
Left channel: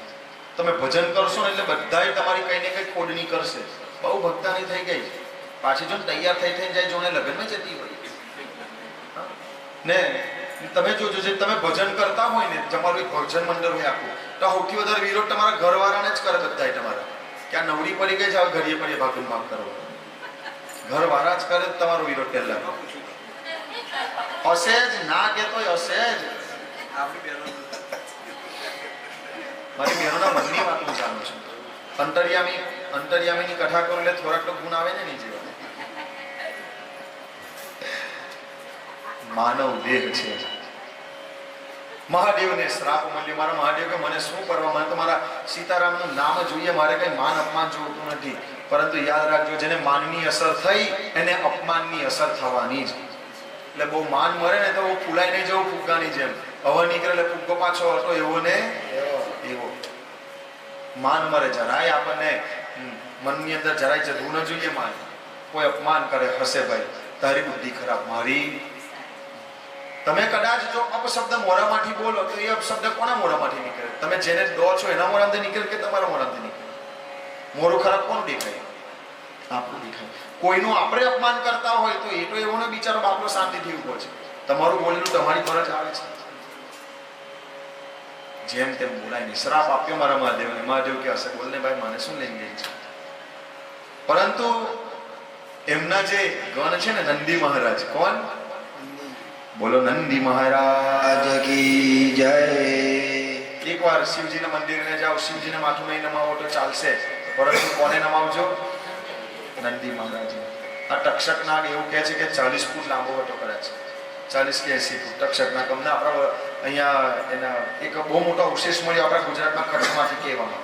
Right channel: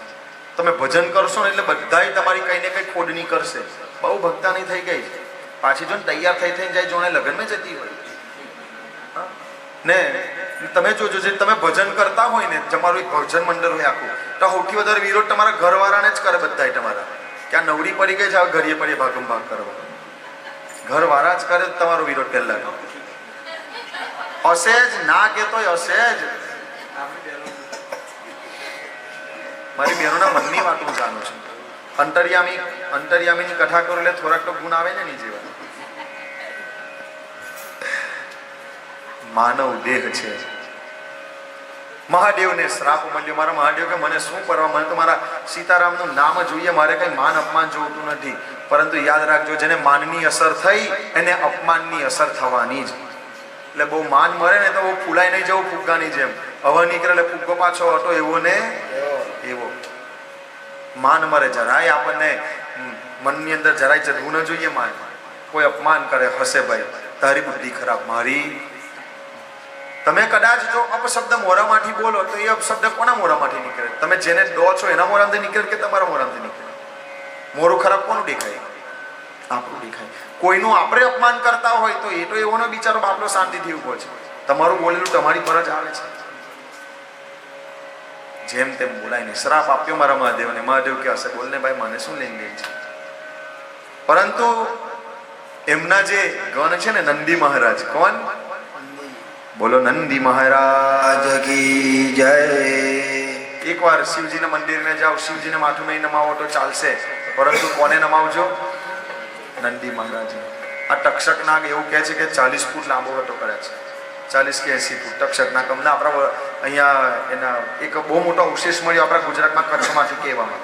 તમે ભજન કરશો ને એટલે બધાય તમારી કઈ ને કઈ ખોડની કરશે. બહુ ભક્તાની થઈ ગઈ, પાછી જો તૈયાર થઈ થઈને જાય, જોડે લગ્નમાં જતી હોય ને. તમે જોજો, જે તમે ભજન કરતા હોય ને, તમારું એક ભજન મંડળ હોય આખું, તો સૌથી વધારે વિરોધ તમારા ઘરવાળાને જ કરે. બધાય તમારા ક્યાં નવડી પડી ગઈ છે, હવે ઘડીએ પડીએ ભાગમ ભાગ કરો. ઘરવાળા જ કરે તમારો વિરોધ. પહેલા હશે જ, ના કહેતો હશે જ. મારી બહેનોના મનની વાત હું જાણું છું. અંતર્યામીની કથા કરો એટલે થોડાક તો ગુણ આવે ને નીચે. માનવ દેહ છે. મહાદેવને શ્રાપ મળ્યો. મારા મહાદેવ કે મને શું કરવા, મને તો મારા સીતારામનું નામ જોઈએ, મારે કઈ માન અપમાન જોતું નથી. પરંતુ યાદ રાખજો, જેને માનની અસર થઈ એને અપમાનની અસર થવાની જ. એટલે બહુ માન મળે ને તો ફૂલાઈ નહીં જવું ફુગ્ગાની જેમ. હવા નીકળે એટલે ફુગ્ગો પાછો હતો એવો ને એવો. માન મળે જરાય આપણને મનની અંદર જરાય જવું ન જોઈએ. માન કોઈ અપમાન કરે, હશે ભાઈ તારી બુદ્ધિ ખરાબ, મારી. તમે કદાચ જો અપશબ્દ મોઢામાંથી બોલો તો એ અપશબ્દ કોના મોઢામાંથી નીકળે? તમે જેને ડો છો એના મોઢામાંથી નીકળે કે તમારા મોઢામાંથી નીકળે? મોઢું ખરાબ કોનું દેખાય? આપણું દેખાય. કોઈનું આપણે અપમાન કરતા હોય તો એ તો એવો બિચારો બાપલો શાંતિથી ઉભો છે. તમારું બોલેલું તમારી પર જ આવે છે. જેમ તેમ બોલાય નહીં. શ્રાપ આપ્યો મારા મહાદેવને. મહાદેવ કે હશે બોલને ભાઈ, મને શું લેન દેન છે. પરંતુ એમના જે ગણ છે ને, નંદી મહારાજ. કોણ? બોલો નંદી મહારાજ કી જય. એકવાર શિવજીના મંદિરમાં જાઓ, શિવજીને માથું નહીં નમાવો તો ચાલશે, પરંતુ કોને નમાવજો? નંદી મહારાજ. આ તક્ષક નાગ એવું કહે છે કે 40 ફૂટ લાંબો હતો કરે છે. 40 કે 80 ફૂટ તક્ષક નાગ. અમને આપણા અહીંયા એના એક બહુ મોટો અવશેષ મળ્યો આપણા ગુજરાતમાં, કચ્છમાંથી કહેવામાં.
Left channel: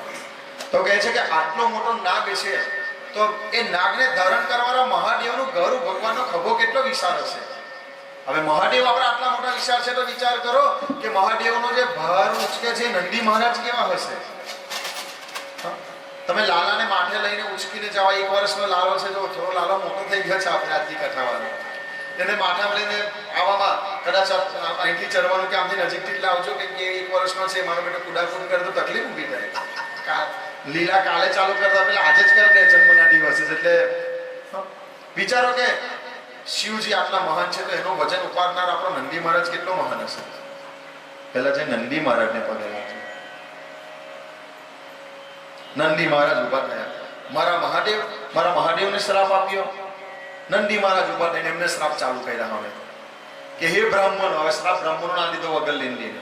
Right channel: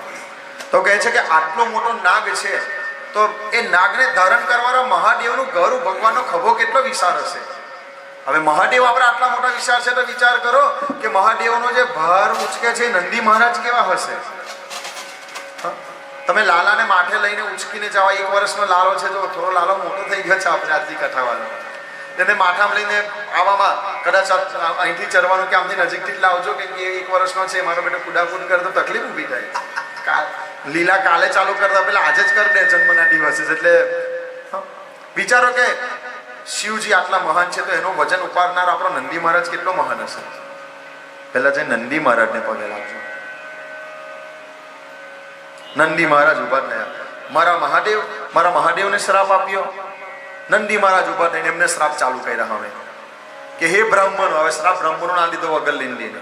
તો કહે છે કે આટલો મોટો નાગ છે, તો એ નાગને ધારણ કરવાના મહાદેવનું ઘર, ભગવાનનો ખભો કેટલો વિશાળ હશે. હવે મહાદેવ આપણે આટલા મોટા વિચાર છે તો વિચાર કરો કે મહાદેવનો જે ભાર ઉચકે છે નંદી મહારાજ કેવા હશે. હા? તમે લાલાને માથે લઈને ઉચકીને જવા, 1 વર્ષનો લાલો છે તો થોડો લાલો મોટો થઈ ગયો છે આપણે આજની કથાવાળો, એને માથામાં લઈને આવવામાં કદાચ અહીંથી ચડવાનું કે આમથી નજીકથી જ લાવજો કે 1 વર્ષનો છે મારો બેટો કુદાકુદ કરે તો તકલીફ ઊભી થાય. લીલા કાલે ચાલુ કરતા પેલા આજે જ કરી દે જન્મના દિવસે. એટલે વિચારો કે શિવજી આટલા મહાન છે તો એનો વજન ઉપાડનાર આપણો નંદી મહારાજ કેટલો મહાન હશે. પહેલા જે નંદી મહારાજને પગે લાગજો. નંદી મહારાજ ઉભા થયા. મારા મહાદેવને શ્રાપ આપ્યો. નંદી મહારાજ ઉભા થઈને એમને શ્રાપ ચાલુ કર્યા. હવે કે હે બ્રાહ્મણ, હવે શ્રાપ બ્રાહ્મણો ના લીધો વગર લઈને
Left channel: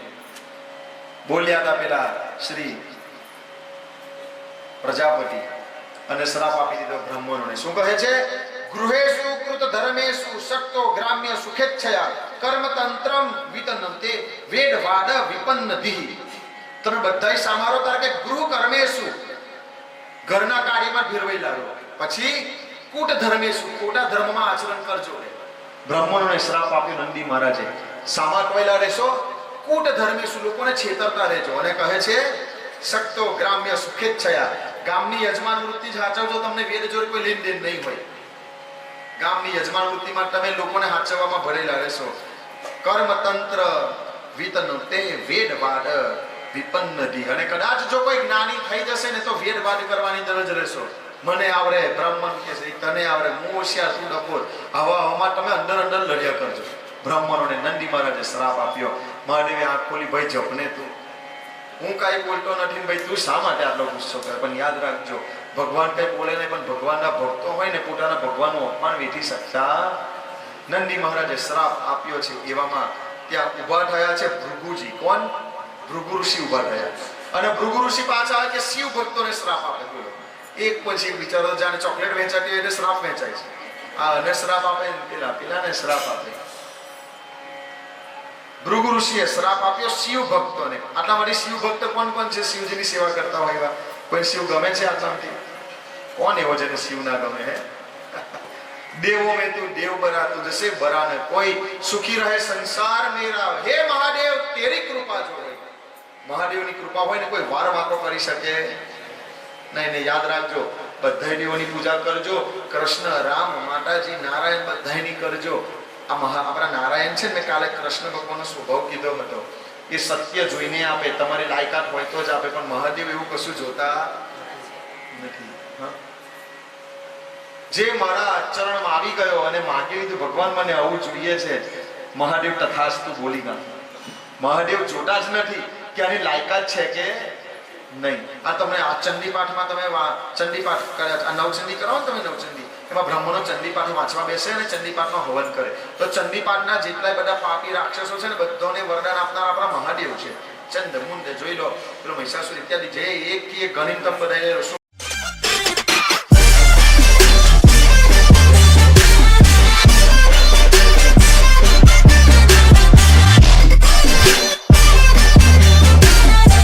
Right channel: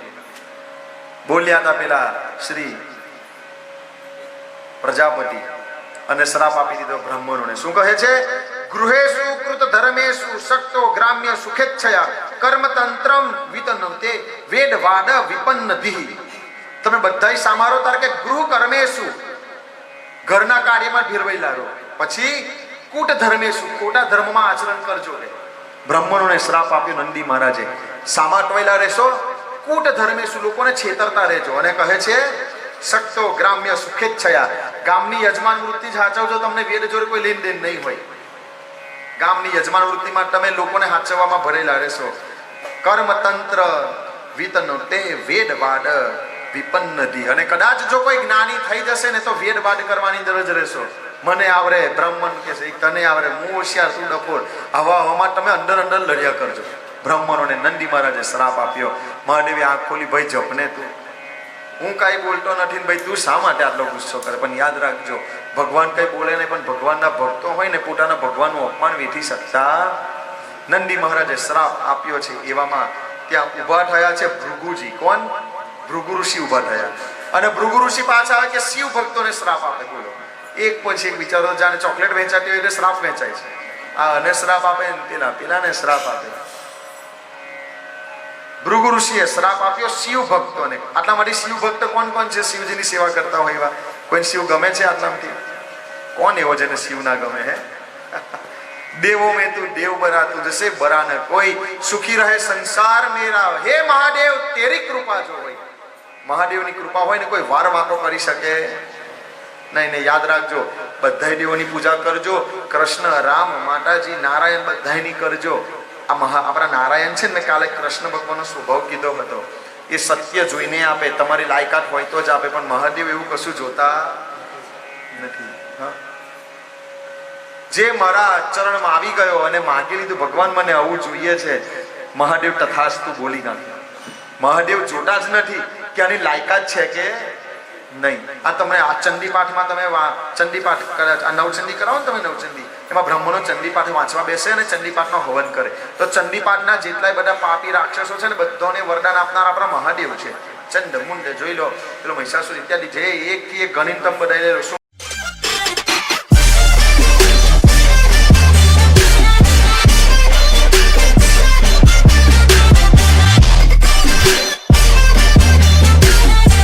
બોલ્યા હતા પેલા શ્રી પ્રજાપતિ, અને શ્રાપ આપી દીધો બ્રાહ્મણોને. શું કહે છે? ગૃહેષુ કૃત ધર્મેષુ શક્તો ગ્રામ્ય સુખેચ્છયા કર્મતંત્રમ વિતનતે વેદવાદ વિપન્નધિ. તમે બધાય સામારો તાર કે ગૃહ કર્મેષુ, ઘરના કાર્યમાં ભીરવાયેલા રહો, પછી કૂટ ધર્મેષુ, ખોટા ધર્મમાં આચરણ કરજો. બ્રાહ્મણોને શ્રાપ આપ્યો નંદી મહારાજે. સામા ટોયલા રહેશો, કૂટ ધર્મેષુ, લોકોને છેતરતા રહેજો. અને કહે છે શક્તો ગ્રામ્ય સુખેચ્છયા, ગામની યજમાન વૃત્તિ જ હાચવજો, તમને વેદ જોડે કોઈ લેન દેન નહીં હોય. ગામની યજમાન વૃત્તિમાં તમે લોકોને હાચવવામાં ભરેલા રહેશો. કર્મતંત્ર વિતનતે વેદવાદ વિપન્નધિ. અને કદાચ જો કોઈ જ્ઞાની થઈ જશે ને તો વેદવાદ કરવાની અંદર જ રહેશો. મને આવડે, બ્રાહ્મણ કે છે તને આવડે, હું હોશિયાર, તું ડફોર, આવામાં તમે અંદર લડ્યા કરજો. બ્રાહ્મણોને નંદી મહારાજે શ્રાપ આપ્યો. મહાદેવે આંખ ખોલી, ભાઈ જપને તું, હું કાંઈ બોલતો નથી ને ભાઈ તું શા માટે આટલો ગુસ્સો કરે? પણ યાદ રાખજો, ભગવાન કંઈ બોલે નહીં, પણ ભગવાનના ભક્તો હોય ને પોતાના ભગવાનનું અપમાન વેઠી શકતા. નંદી મહારાજે શ્રાપ આપ્યો છે. એવામાં ત્યાં ઊભા થયા છે ભૃગુજી. કોણ? ભૃગુ ઋષિ ઊભા થયા. અને ભૃગુ ઋષિ પાછા આવે કે શિવ ભક્તોને શ્રાપ આપે. બોલો, એક પછી એક વિચારો. જાણે ચોકલેટ વેચાતી હોય એટલે શ્રાપ વેચાય છે. આ અને શ્રાપ આપે, પેલાને શ્રાપ આપે. ભૃગુ ઋષિએ શ્રાપ આપ્યો શિવ ભક્તોને. આટલા માટે શિવ ભક્ત કોણ કોણ છે? શિવજીની સેવા કરતા હોય એવા કોઈ શિવ ગમે છે આટલામાંથી? કોણ એવો જેને શિવ ના ગમે? હે દેવો મેં તું દેવ બરાતું જશે બરાને કોઈ, સુખી રહે સંસાર મેરા. હે મહાદેવ તેરી કૃપા જો હોય. મહાદેવની કૃપા હોય ને કોઈ વાર વાંકો કરી શકે નહીં. ને યાદ રાખજો, બધા દેવોની પૂજા કરજો. કૃષ્ણ, રામ, માતાજી, નારાયણ બધાની કરજો. આપણા નારાયણ છે ને, કાલે કૃષ્ણ ભગવાનનો સ્વભાવ કીધો હતો, એ સત્ય જોઈને આપે, તમારી લાયકાત હોય તો જ આપે. પણ મહાદેવ એવું કશું જોતા નથી. જે મારા ચરણમાં આવી ગયો અને માગી લીધું, ભગવાન મને આવું જોઈએ છે, મહાદેવ તથાસ્તુ બોલી નાખ્યો. મહાદેવ જોતા જ નથી કે આની લાયકાત છે કે નહીં. આ તમને આ ચંડીપાઠમાં તમે ચંડીપાઠ આ નવચંડી કરાવો ને તમે, નવચંડી એમાં બ્રહ્મનો ચંડીપાઠ વાંચવા બેસે અને ચંડીપાઠનો હવન કરે. તો ચંડીપાઠના જેટલાય બધા પાપી રાક્ષસો છે ને, બધાને વરદાન આપનાર આપણા મહાદેવ છે. ચંડ મુંડ જોઈ લો, પેલો મહિષાસુર ઇત્યાદિ જે એક ગણિત બધા